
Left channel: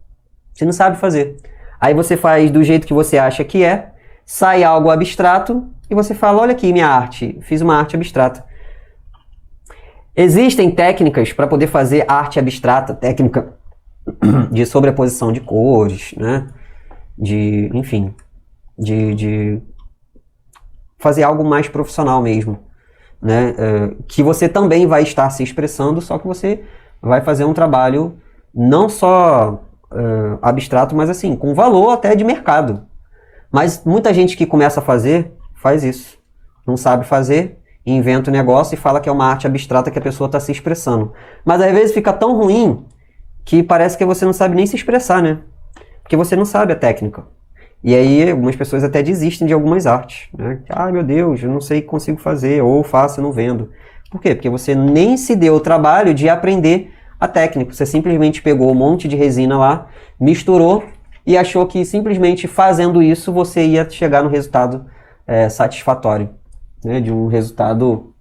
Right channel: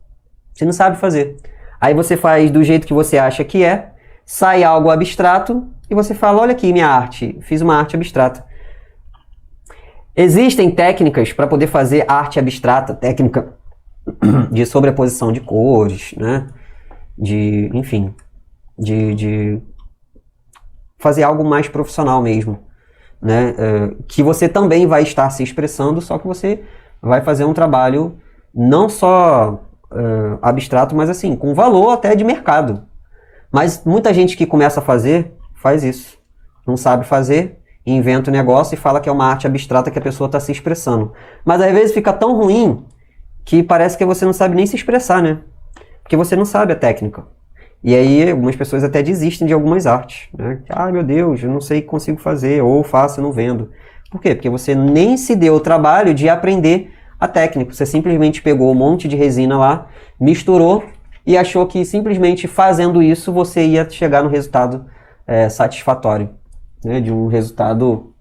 Você não sabe fazer. Aí você faz do jeito que você acha que sai algo abstrato, e você fala, olha aqui minha arte, fiz uma arte abstrata. Existem técnicas para poder fazer arte abstrata, técnica de sobreposição de cores, né? Enfim, de fazer algo mais profissional mesmo, né? Que você também vai estar se expressando, só que você vai fazer um trabalho não só abstrato, mas assim, com valor até de mercado. Mas muita gente que começa a fazer, faz isso. Não sabe fazer, inventa um negócio e fala que é uma arte abstrata que a pessoa está se expressando. Mas às vezes fica tão ruim que parece que você não sabe nem se expressar, né? Porque você não sabe a técnica. E aí algumas pessoas até desistem de algumas artes, né? Meu Deus, eu não sei o que consigo fazer, ou faço e não vendo. Por quê? Porque você nem se deu o trabalho de aprender a técnica. Você simplesmente pegou um monte de resina lá, misturou e achou que simplesmente fazendo isso você ia chegar no resultado satisfatório, né? De um resultado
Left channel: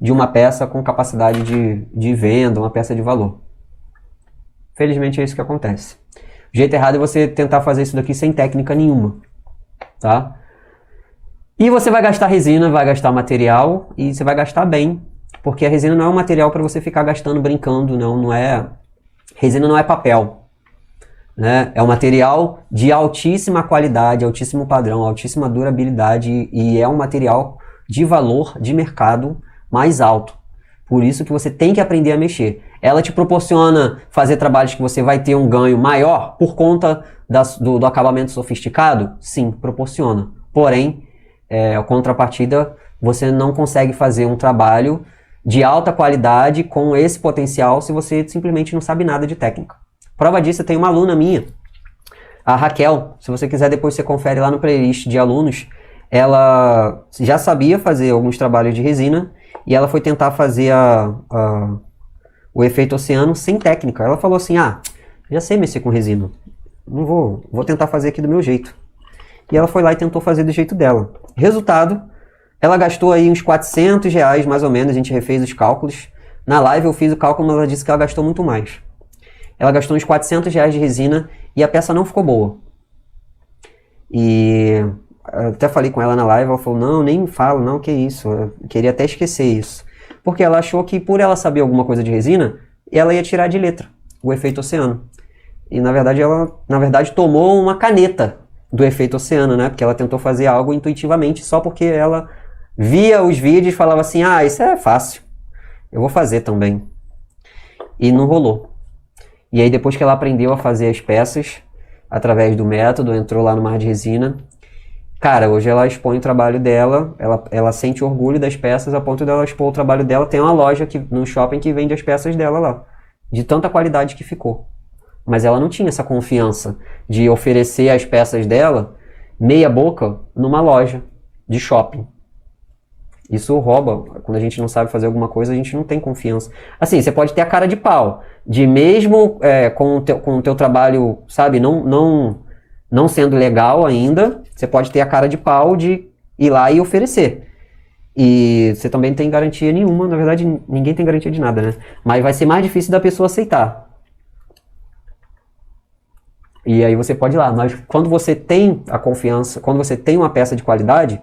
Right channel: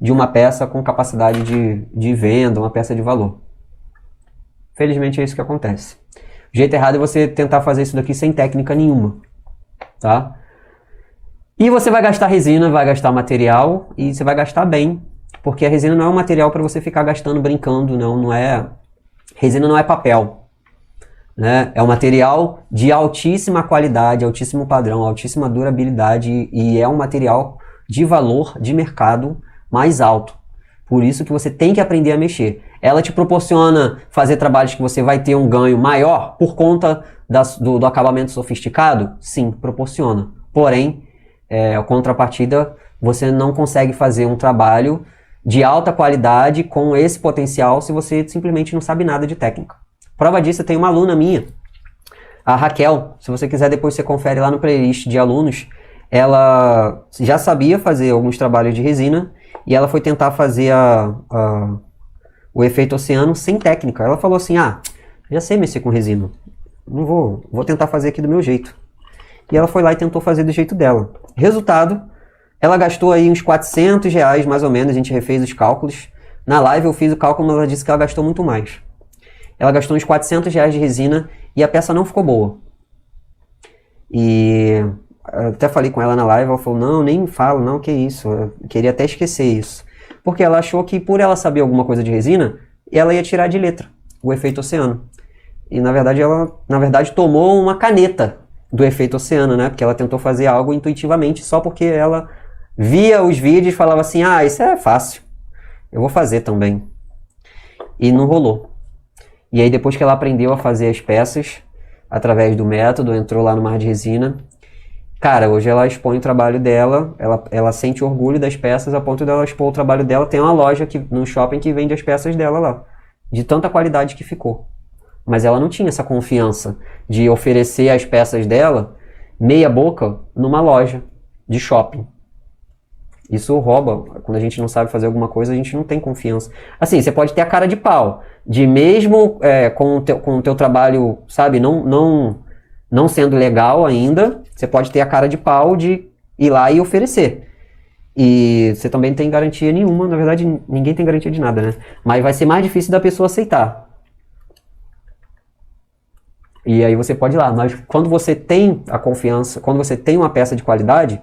de uma peça com capacidade de venda, uma peça de valor. Felizmente é isso que acontece. O jeito errado é você tentar fazer isso daqui sem técnica nenhuma, tá? E você vai gastar resina, vai gastar material e você vai gastar bem, porque a resina não é um material para você ficar gastando brincando, não é. Resina não é papel, né? É um material de altíssima qualidade, altíssimo padrão, altíssima durabilidade e é um material de valor de mercado mais alto. Por isso que você tem que aprender a mexer. Ela te proporciona fazer trabalhos que você vai ter um ganho maior por conta do acabamento sofisticado? Sim, proporciona. Porém, a contrapartida, você não consegue fazer um trabalho de alta qualidade com esse potencial se você simplesmente não sabe nada de técnica. Prova disso, tem uma aluna minha, a Raquel. Se você quiser, depois você confere lá no playlist de alunos. Ela já sabia fazer alguns trabalhos de resina e ela foi tentar fazer o efeito oceano sem técnica. Ela falou assim, já sei mexer com resina. Vou tentar fazer aqui do meu jeito. E ela foi lá e tentou fazer do jeito dela. Resultado, ela gastou aí uns R$400, mais ou menos, a gente refez os cálculos. Na live eu fiz o cálculo, mas ela disse que ela gastou muito mais. Ela gastou uns R$400 de resina e a peça não ficou boa. E até falei com ela na live, ela falou, não, nem me fala, não, que isso. Eu queria até esquecer isso. Porque ela achou que por ela saber alguma coisa de resina, ela ia tirar de letra o efeito oceano. E na verdade ela tomou uma caneta do efeito oceano, né? Porque ela tentou fazer algo intuitivamente, só porque ela via os vídeos e falava assim, isso é fácil, eu vou fazer também. E não rolou. E aí depois que ela aprendeu a fazer as peças, através do método, entrou lá no Mar de Resina, cara, hoje ela expõe o trabalho dela, ela sente orgulho das peças a ponto de ela expor o trabalho dela. Tem uma loja aqui no shopping que vende as peças dela lá, de tanta qualidade que ficou. Mas ela não tinha essa confiança de oferecer as peças dela meia boca numa loja de shopping. Isso rouba. Quando a gente não sabe fazer alguma coisa, a gente não tem confiança. Assim, você pode ter a cara de pau, de mesmo com o teu trabalho, sabe, não sendo legal ainda, você pode ter a cara de pau de ir lá e oferecer. E você também não tem garantia nenhuma, na verdade ninguém tem garantia de nada, né? Mas vai ser mais difícil da pessoa aceitar. E aí você pode ir lá, mas quando você tem a confiança, quando você tem uma peça de qualidade,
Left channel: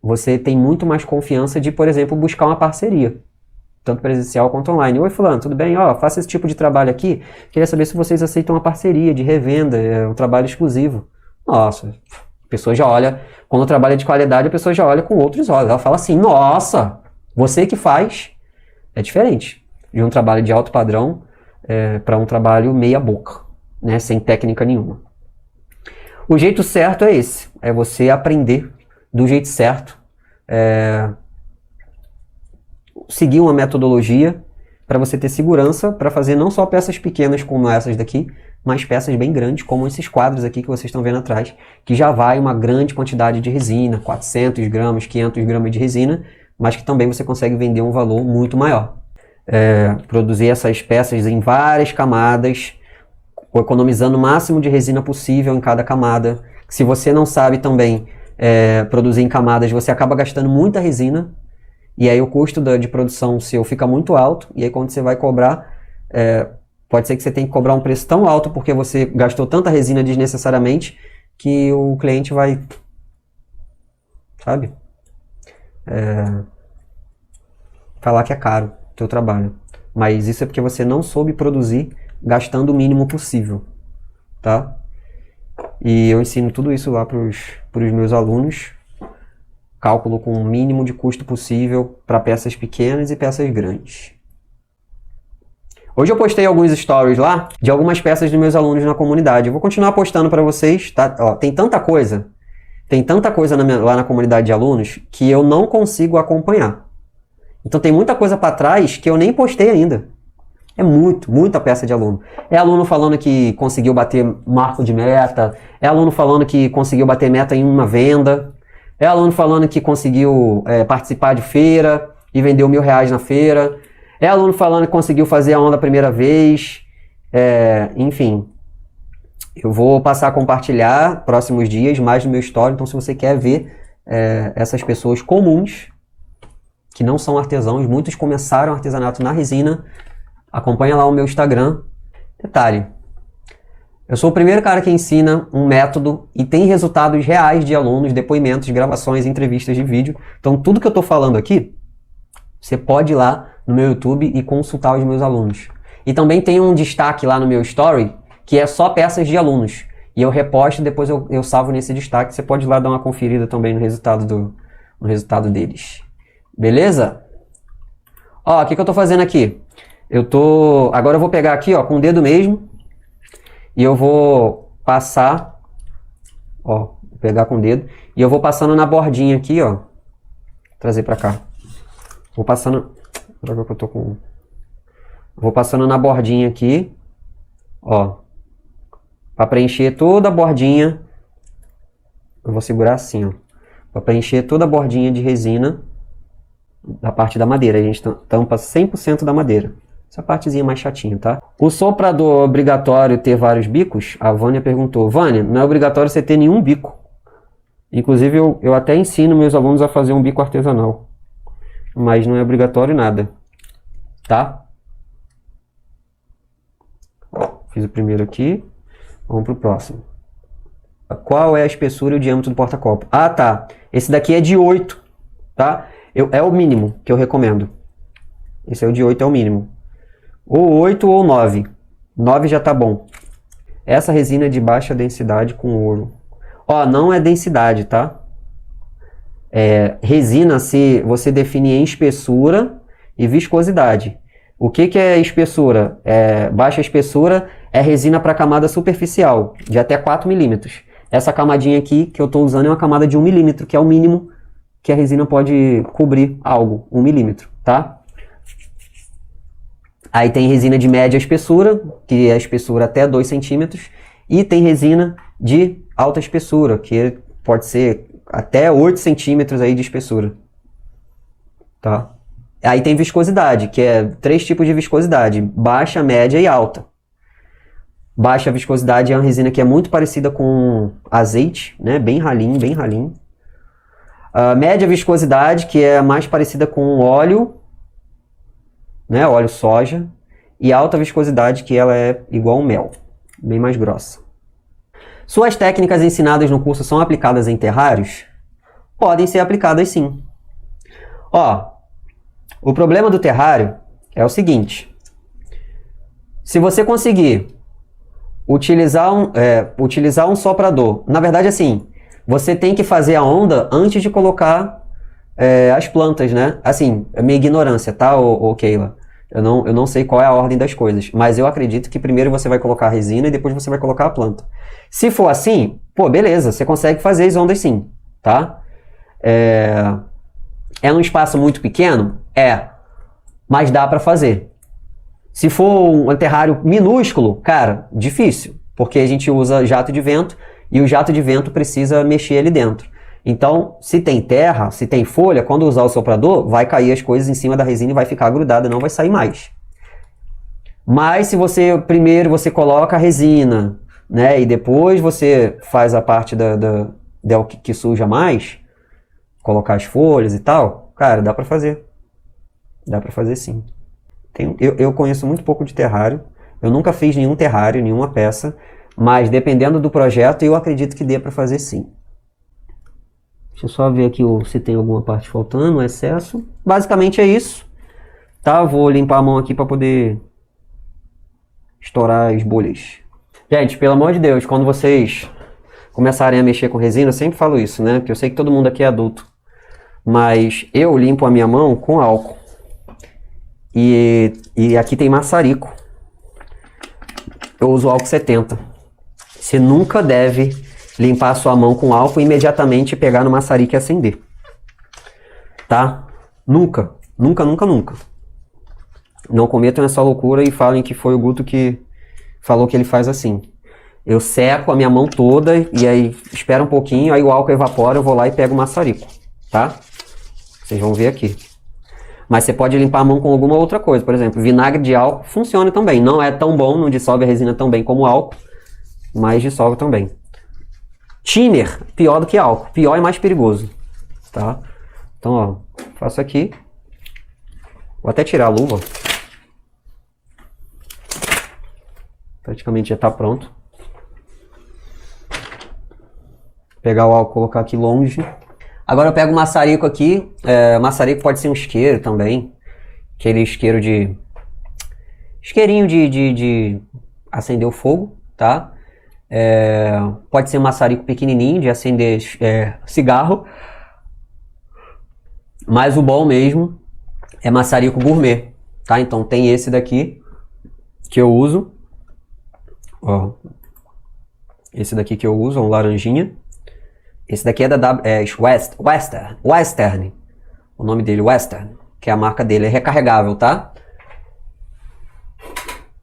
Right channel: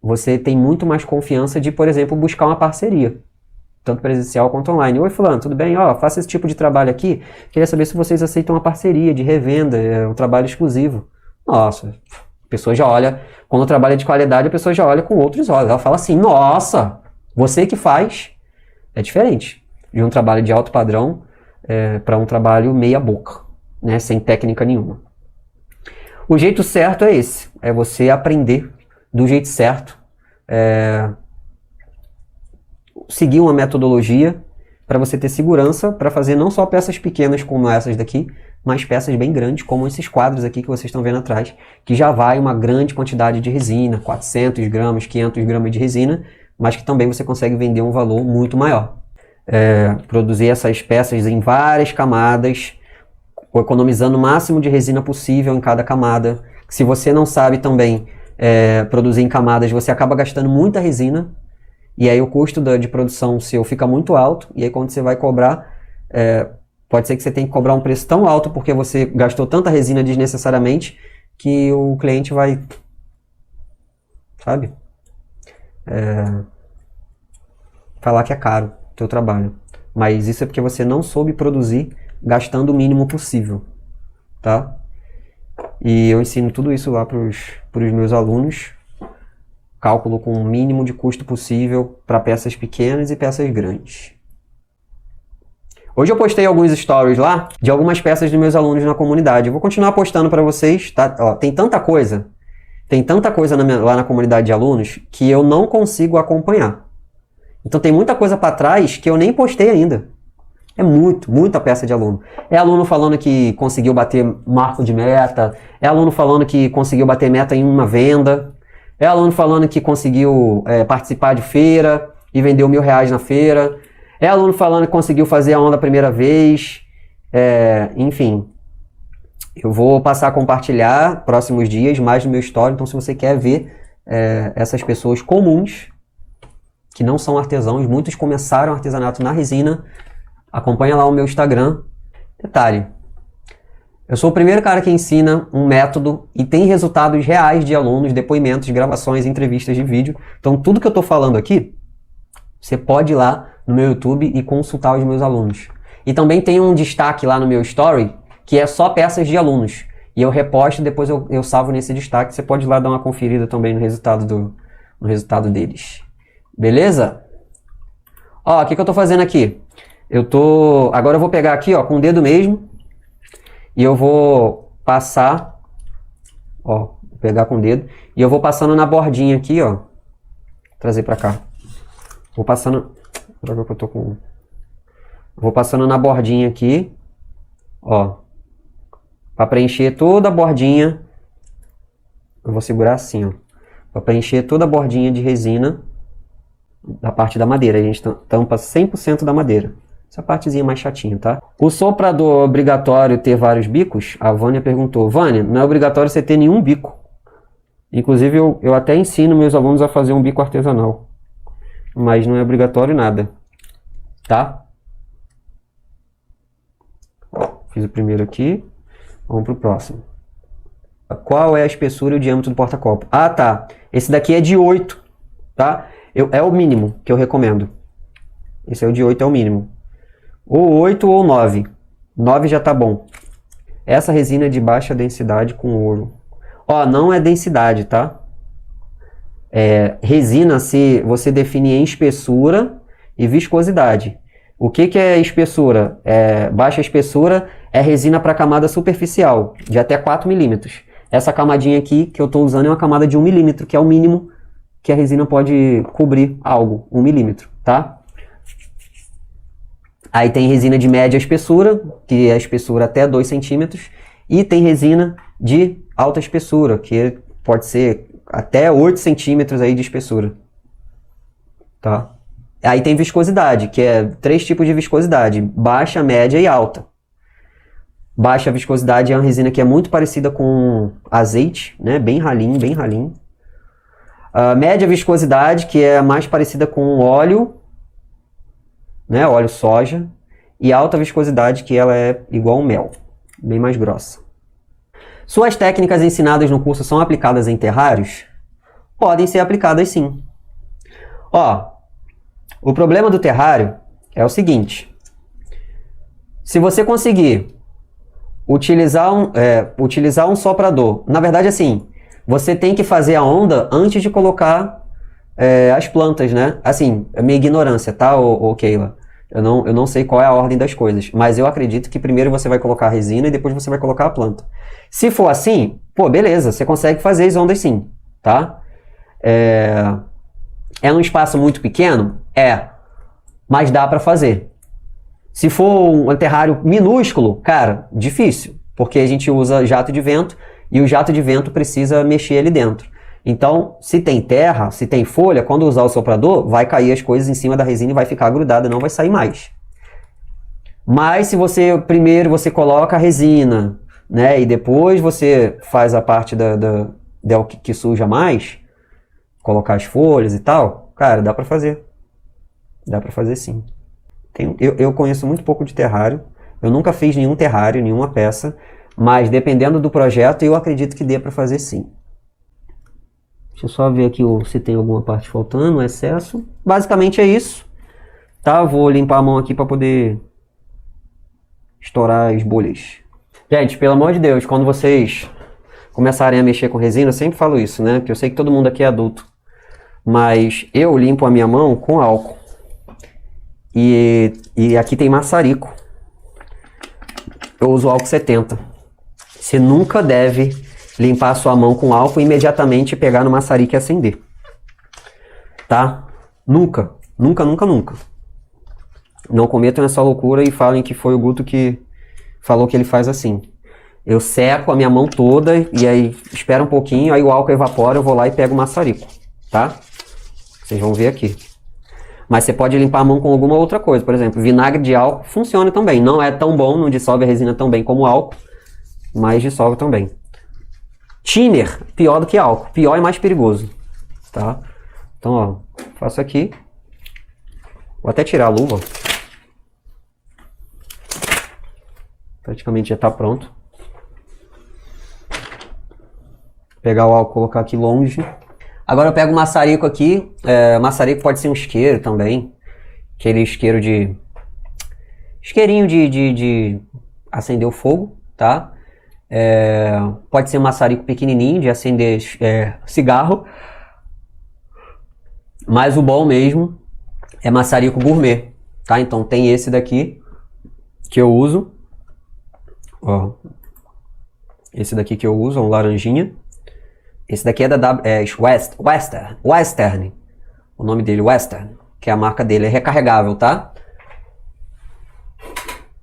você tem muito mais confiança de, por exemplo, buscar uma parceria, tanto presencial quanto online. Oi fulano, tudo bem? Faço esse tipo de trabalho aqui, queria saber se vocês aceitam uma parceria de revenda, é um trabalho exclusivo. Nossa, a pessoa já olha, quando o trabalho é de qualidade, a pessoa já olha com outros olhos, ela fala assim, nossa, você que faz, é diferente de um trabalho de alto padrão para um trabalho meia boca. Né, sem técnica nenhuma. O jeito certo é esse, é você aprender do jeito certo, seguir uma metodologia para você ter segurança para fazer não só peças pequenas como essas daqui, mas peças bem grandes, como esses quadros aqui que vocês estão vendo atrás, que já vai uma grande quantidade de resina, 400 gramas, 500 gramas de resina, mas que também você consegue vender um valor muito maior. Produzir essas peças em várias camadas, economizando o máximo de resina possível em cada camada. Se você não sabe também produzir em camadas, você acaba gastando muita resina, e aí o custo de produção seu fica muito alto, e aí quando você vai cobrar, pode ser que você tenha que cobrar um preço tão alto porque você gastou tanta resina desnecessariamente, que o cliente vai, sabe, falar que é caro o teu trabalho. Mas isso é porque você não soube produzir gastando o mínimo possível, tá? E eu ensino tudo isso lá para os meus alunos. Cálculo com o mínimo de custo possível para peças pequenas e peças grandes. Hoje eu postei alguns stories lá de algumas peças dos meus alunos na comunidade. Eu vou continuar postando para vocês, tá? Tem tanta coisa lá na comunidade de alunos que eu não consigo acompanhar. Então tem muita coisa para trás que eu nem postei ainda. É muita peça de aluno. É aluno falando que conseguiu bater marco de meta. É aluno falando que conseguiu bater meta em uma venda. É aluno falando que conseguiu participar de feira e vendeu R$1.000 na feira. É aluno falando que conseguiu fazer a onda a primeira vez. Enfim. Eu vou passar a compartilhar próximos dias mais no meu story. Então se você quer ver essas pessoas comuns, que não são artesãos, muitos começaram artesanato na resina, acompanha lá o meu Instagram. Detalhe, Eu sou o primeiro cara que ensina um método e tem resultados reais de alunos, depoimentos, gravações, entrevistas de vídeo. Então tudo que eu estou falando aqui, você pode ir lá no meu YouTube e consultar os meus alunos. E também tem um destaque lá no meu story, que é só peças de alunos. E eu reposto e depois eu salvo nesse destaque. Você pode ir lá dar uma conferida também no resultado deles. Beleza? Ó, o que eu estou fazendo aqui? Agora eu vou pegar aqui, ó, com o dedo mesmo. E eu vou passar, ó, pegar com o dedo. E eu vou passando na bordinha aqui, ó. Trazer pra cá. Vou passando... Vou passando na bordinha aqui, ó. Pra preencher toda a bordinha. Eu vou segurar assim, ó. Pra preencher toda a bordinha de resina da parte da madeira. A gente tampa 100% da madeira. Essa partezinha mais chatinha, tá? O soprador é obrigatório ter vários bicos? A Vânia perguntou. Vânia, não é obrigatório você ter nenhum bico. Inclusive, eu até ensino meus alunos a fazer um bico artesanal. Mas não é obrigatório nada. Tá? Fiz o primeiro aqui. Vamos pro próximo. Qual é a espessura e o diâmetro do porta-copo? Ah, tá. Esse daqui é de 8, tá? É o mínimo que eu recomendo. Esse é o de 8, é o mínimo. Ou 8 ou 9. 9 já tá bom. Essa resina é de baixa densidade com ouro. Ó, não é densidade, tá? Resina, você define em espessura e viscosidade. O que é espessura? Baixa espessura é resina para camada superficial, de até 4 milímetros. Essa camadinha aqui que eu estou usando é uma camada de 1 milímetro, que é o mínimo que a resina pode cobrir algo, 1 milímetro, tá? Aí tem resina de média espessura, que é a espessura até 2 centímetros. E tem resina de alta espessura, que pode ser até 8 centímetros aí de espessura. Tá? Aí tem viscosidade, que é 3 tipos de viscosidade: baixa, média e alta. Baixa viscosidade é uma resina que é muito parecida com azeite, né? Bem ralinho, bem ralinho. A média viscosidade, que é mais parecida com óleo, né? Óleo soja. E alta viscosidade, que ela é igual ao mel, bem mais grossa. Suas técnicas ensinadas no curso são aplicadas em terrários? Podem ser aplicadas sim. Ó, o problema do terrário é o seguinte: se você conseguir utilizar um soprador, na verdade assim, você tem que fazer a onda antes de colocar as plantas, né? Assim, é minha ignorância, tá, ô Keila? Eu não sei qual é a ordem das coisas, mas eu acredito que primeiro você vai colocar a resina e depois você vai colocar a planta. Se for assim, pô, beleza, você consegue fazer as ondas sim, tá? É um espaço muito pequeno? Mas dá pra fazer. Se for um terrário minúsculo, cara, difícil, porque a gente usa jato de vento e o jato de vento precisa mexer ali dentro. Então, se tem terra, se tem folha, quando usar o soprador, vai cair as coisas em cima da resina e vai ficar grudada, não vai sair mais. Mas se primeiro você coloca a resina, né, e depois você faz a parte que suja mais, colocar as folhas e tal, cara, dá pra fazer. Dá pra fazer sim. Eu conheço muito pouco de terrário, eu nunca fiz nenhum terrário, nenhuma peça, mas dependendo do projeto, eu acredito que dê pra fazer sim. Deixa eu só ver aqui se tem alguma parte faltando, excesso. Basicamente é isso. Tá, eu vou limpar a mão aqui para poder estourar as bolhas. Gente, pelo amor de Deus, quando vocês começarem a mexer com resina, eu sempre falo isso, né? Porque eu sei que todo mundo aqui é adulto. Mas eu limpo a minha mão com álcool. E aqui tem maçarico. Eu uso álcool 70. Você nunca deve limpar a sua mão com álcool e imediatamente pegar no maçarico e acender. Tá? Nunca. Nunca, nunca, nunca. Não cometam essa loucura e falem que foi o Guto que falou que ele faz assim. Eu seco a minha mão toda e aí espera um pouquinho, aí o álcool evapora, eu vou lá e pego o maçarico. Tá? Vocês vão ver aqui. Mas você pode limpar a mão com alguma outra coisa. Por exemplo, vinagre de álcool funciona também. Não é tão bom, não dissolve a resina tão bem como o álcool, mas dissolve também. Thinner, pior do que álcool. Pior e mais perigoso. Tá? Então, ó, faço aqui. Vou até tirar a luva. Praticamente já tá pronto. pegar o álcool e colocar aqui longe. Agora eu pego o maçarico aqui. Maçarico pode ser um isqueiro também. Aquele isqueiro de... Isqueirinho de acender o fogo, tá? Pode ser um maçarico pequenininho de acender cigarro. Mas o bom mesmo é maçarico gourmet, tá? Então tem esse daqui que eu uso. Ó. Esse daqui que eu uso, um laranjinha. Esse daqui é da Western. O nome dele, Western. Que é a marca dele. É recarregável, tá?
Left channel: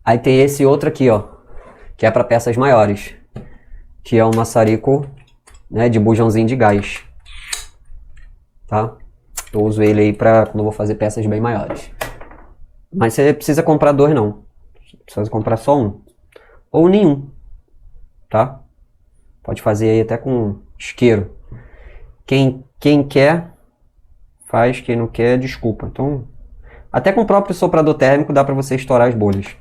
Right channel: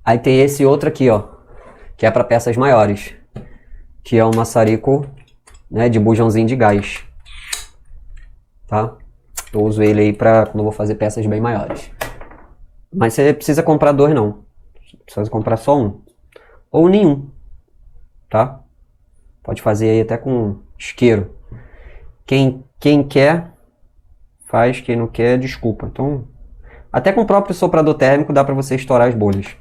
Aí tem esse outro aqui, ó. Que é para peças maiores. Que é um maçarico, né, de bujãozinho de gás. Tá? Eu uso ele aí pra quando eu vou fazer peças bem maiores. Mas você precisa comprar dois, não. Precisa comprar só um. Ou nenhum. Tá? Pode fazer aí até com isqueiro. Quem quer, faz. Quem não quer, desculpa. Então, até com o próprio soprador térmico dá pra você estourar as bolhas.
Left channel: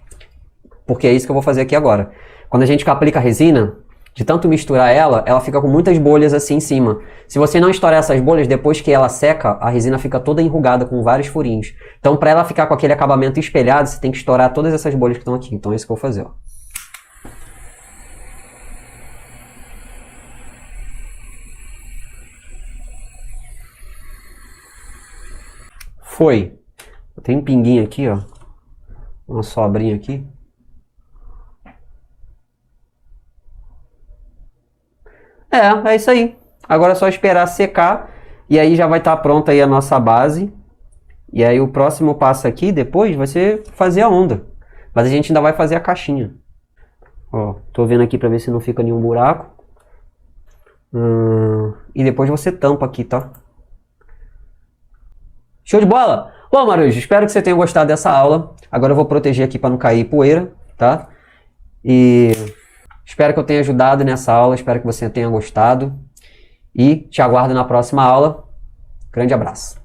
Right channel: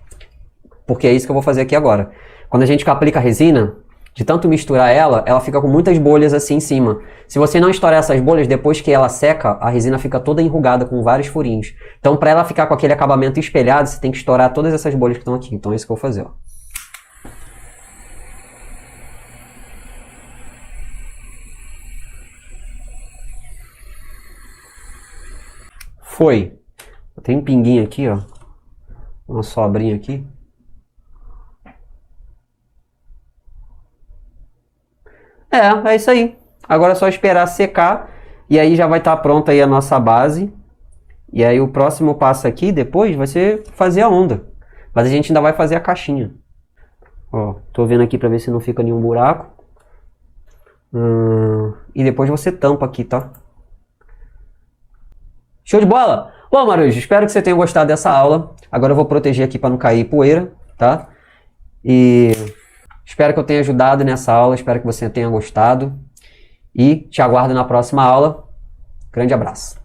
Porque é isso que eu vou fazer aqui agora. Quando a gente aplica a resina, de tanto misturar ela fica com muitas bolhas assim em cima. Se você não estourar essas bolhas, depois que ela seca, a resina fica toda enrugada com vários furinhos. Então, para ela ficar com aquele acabamento espelhado, você tem que estourar todas essas bolhas que estão aqui. Então, é isso que eu vou fazer. Foi. Tem um pinguinho aqui, ó. Uma sobrinha aqui. É isso aí. Agora é só esperar secar. E aí já vai estar pronta aí a nossa base. E aí o próximo passo aqui, depois, vai ser fazer a onda. Mas a gente ainda vai fazer a caixinha. Ó, tô vendo aqui pra ver se não fica nenhum buraco. E depois você tampa aqui, tá? Show de bola? Bom, Marujo, espero que você tenha gostado dessa aula. Agora eu vou proteger aqui para não cair poeira, tá? E espero que eu tenha ajudado nessa aula, espero que você tenha gostado. E te aguardo na próxima aula. Grande abraço.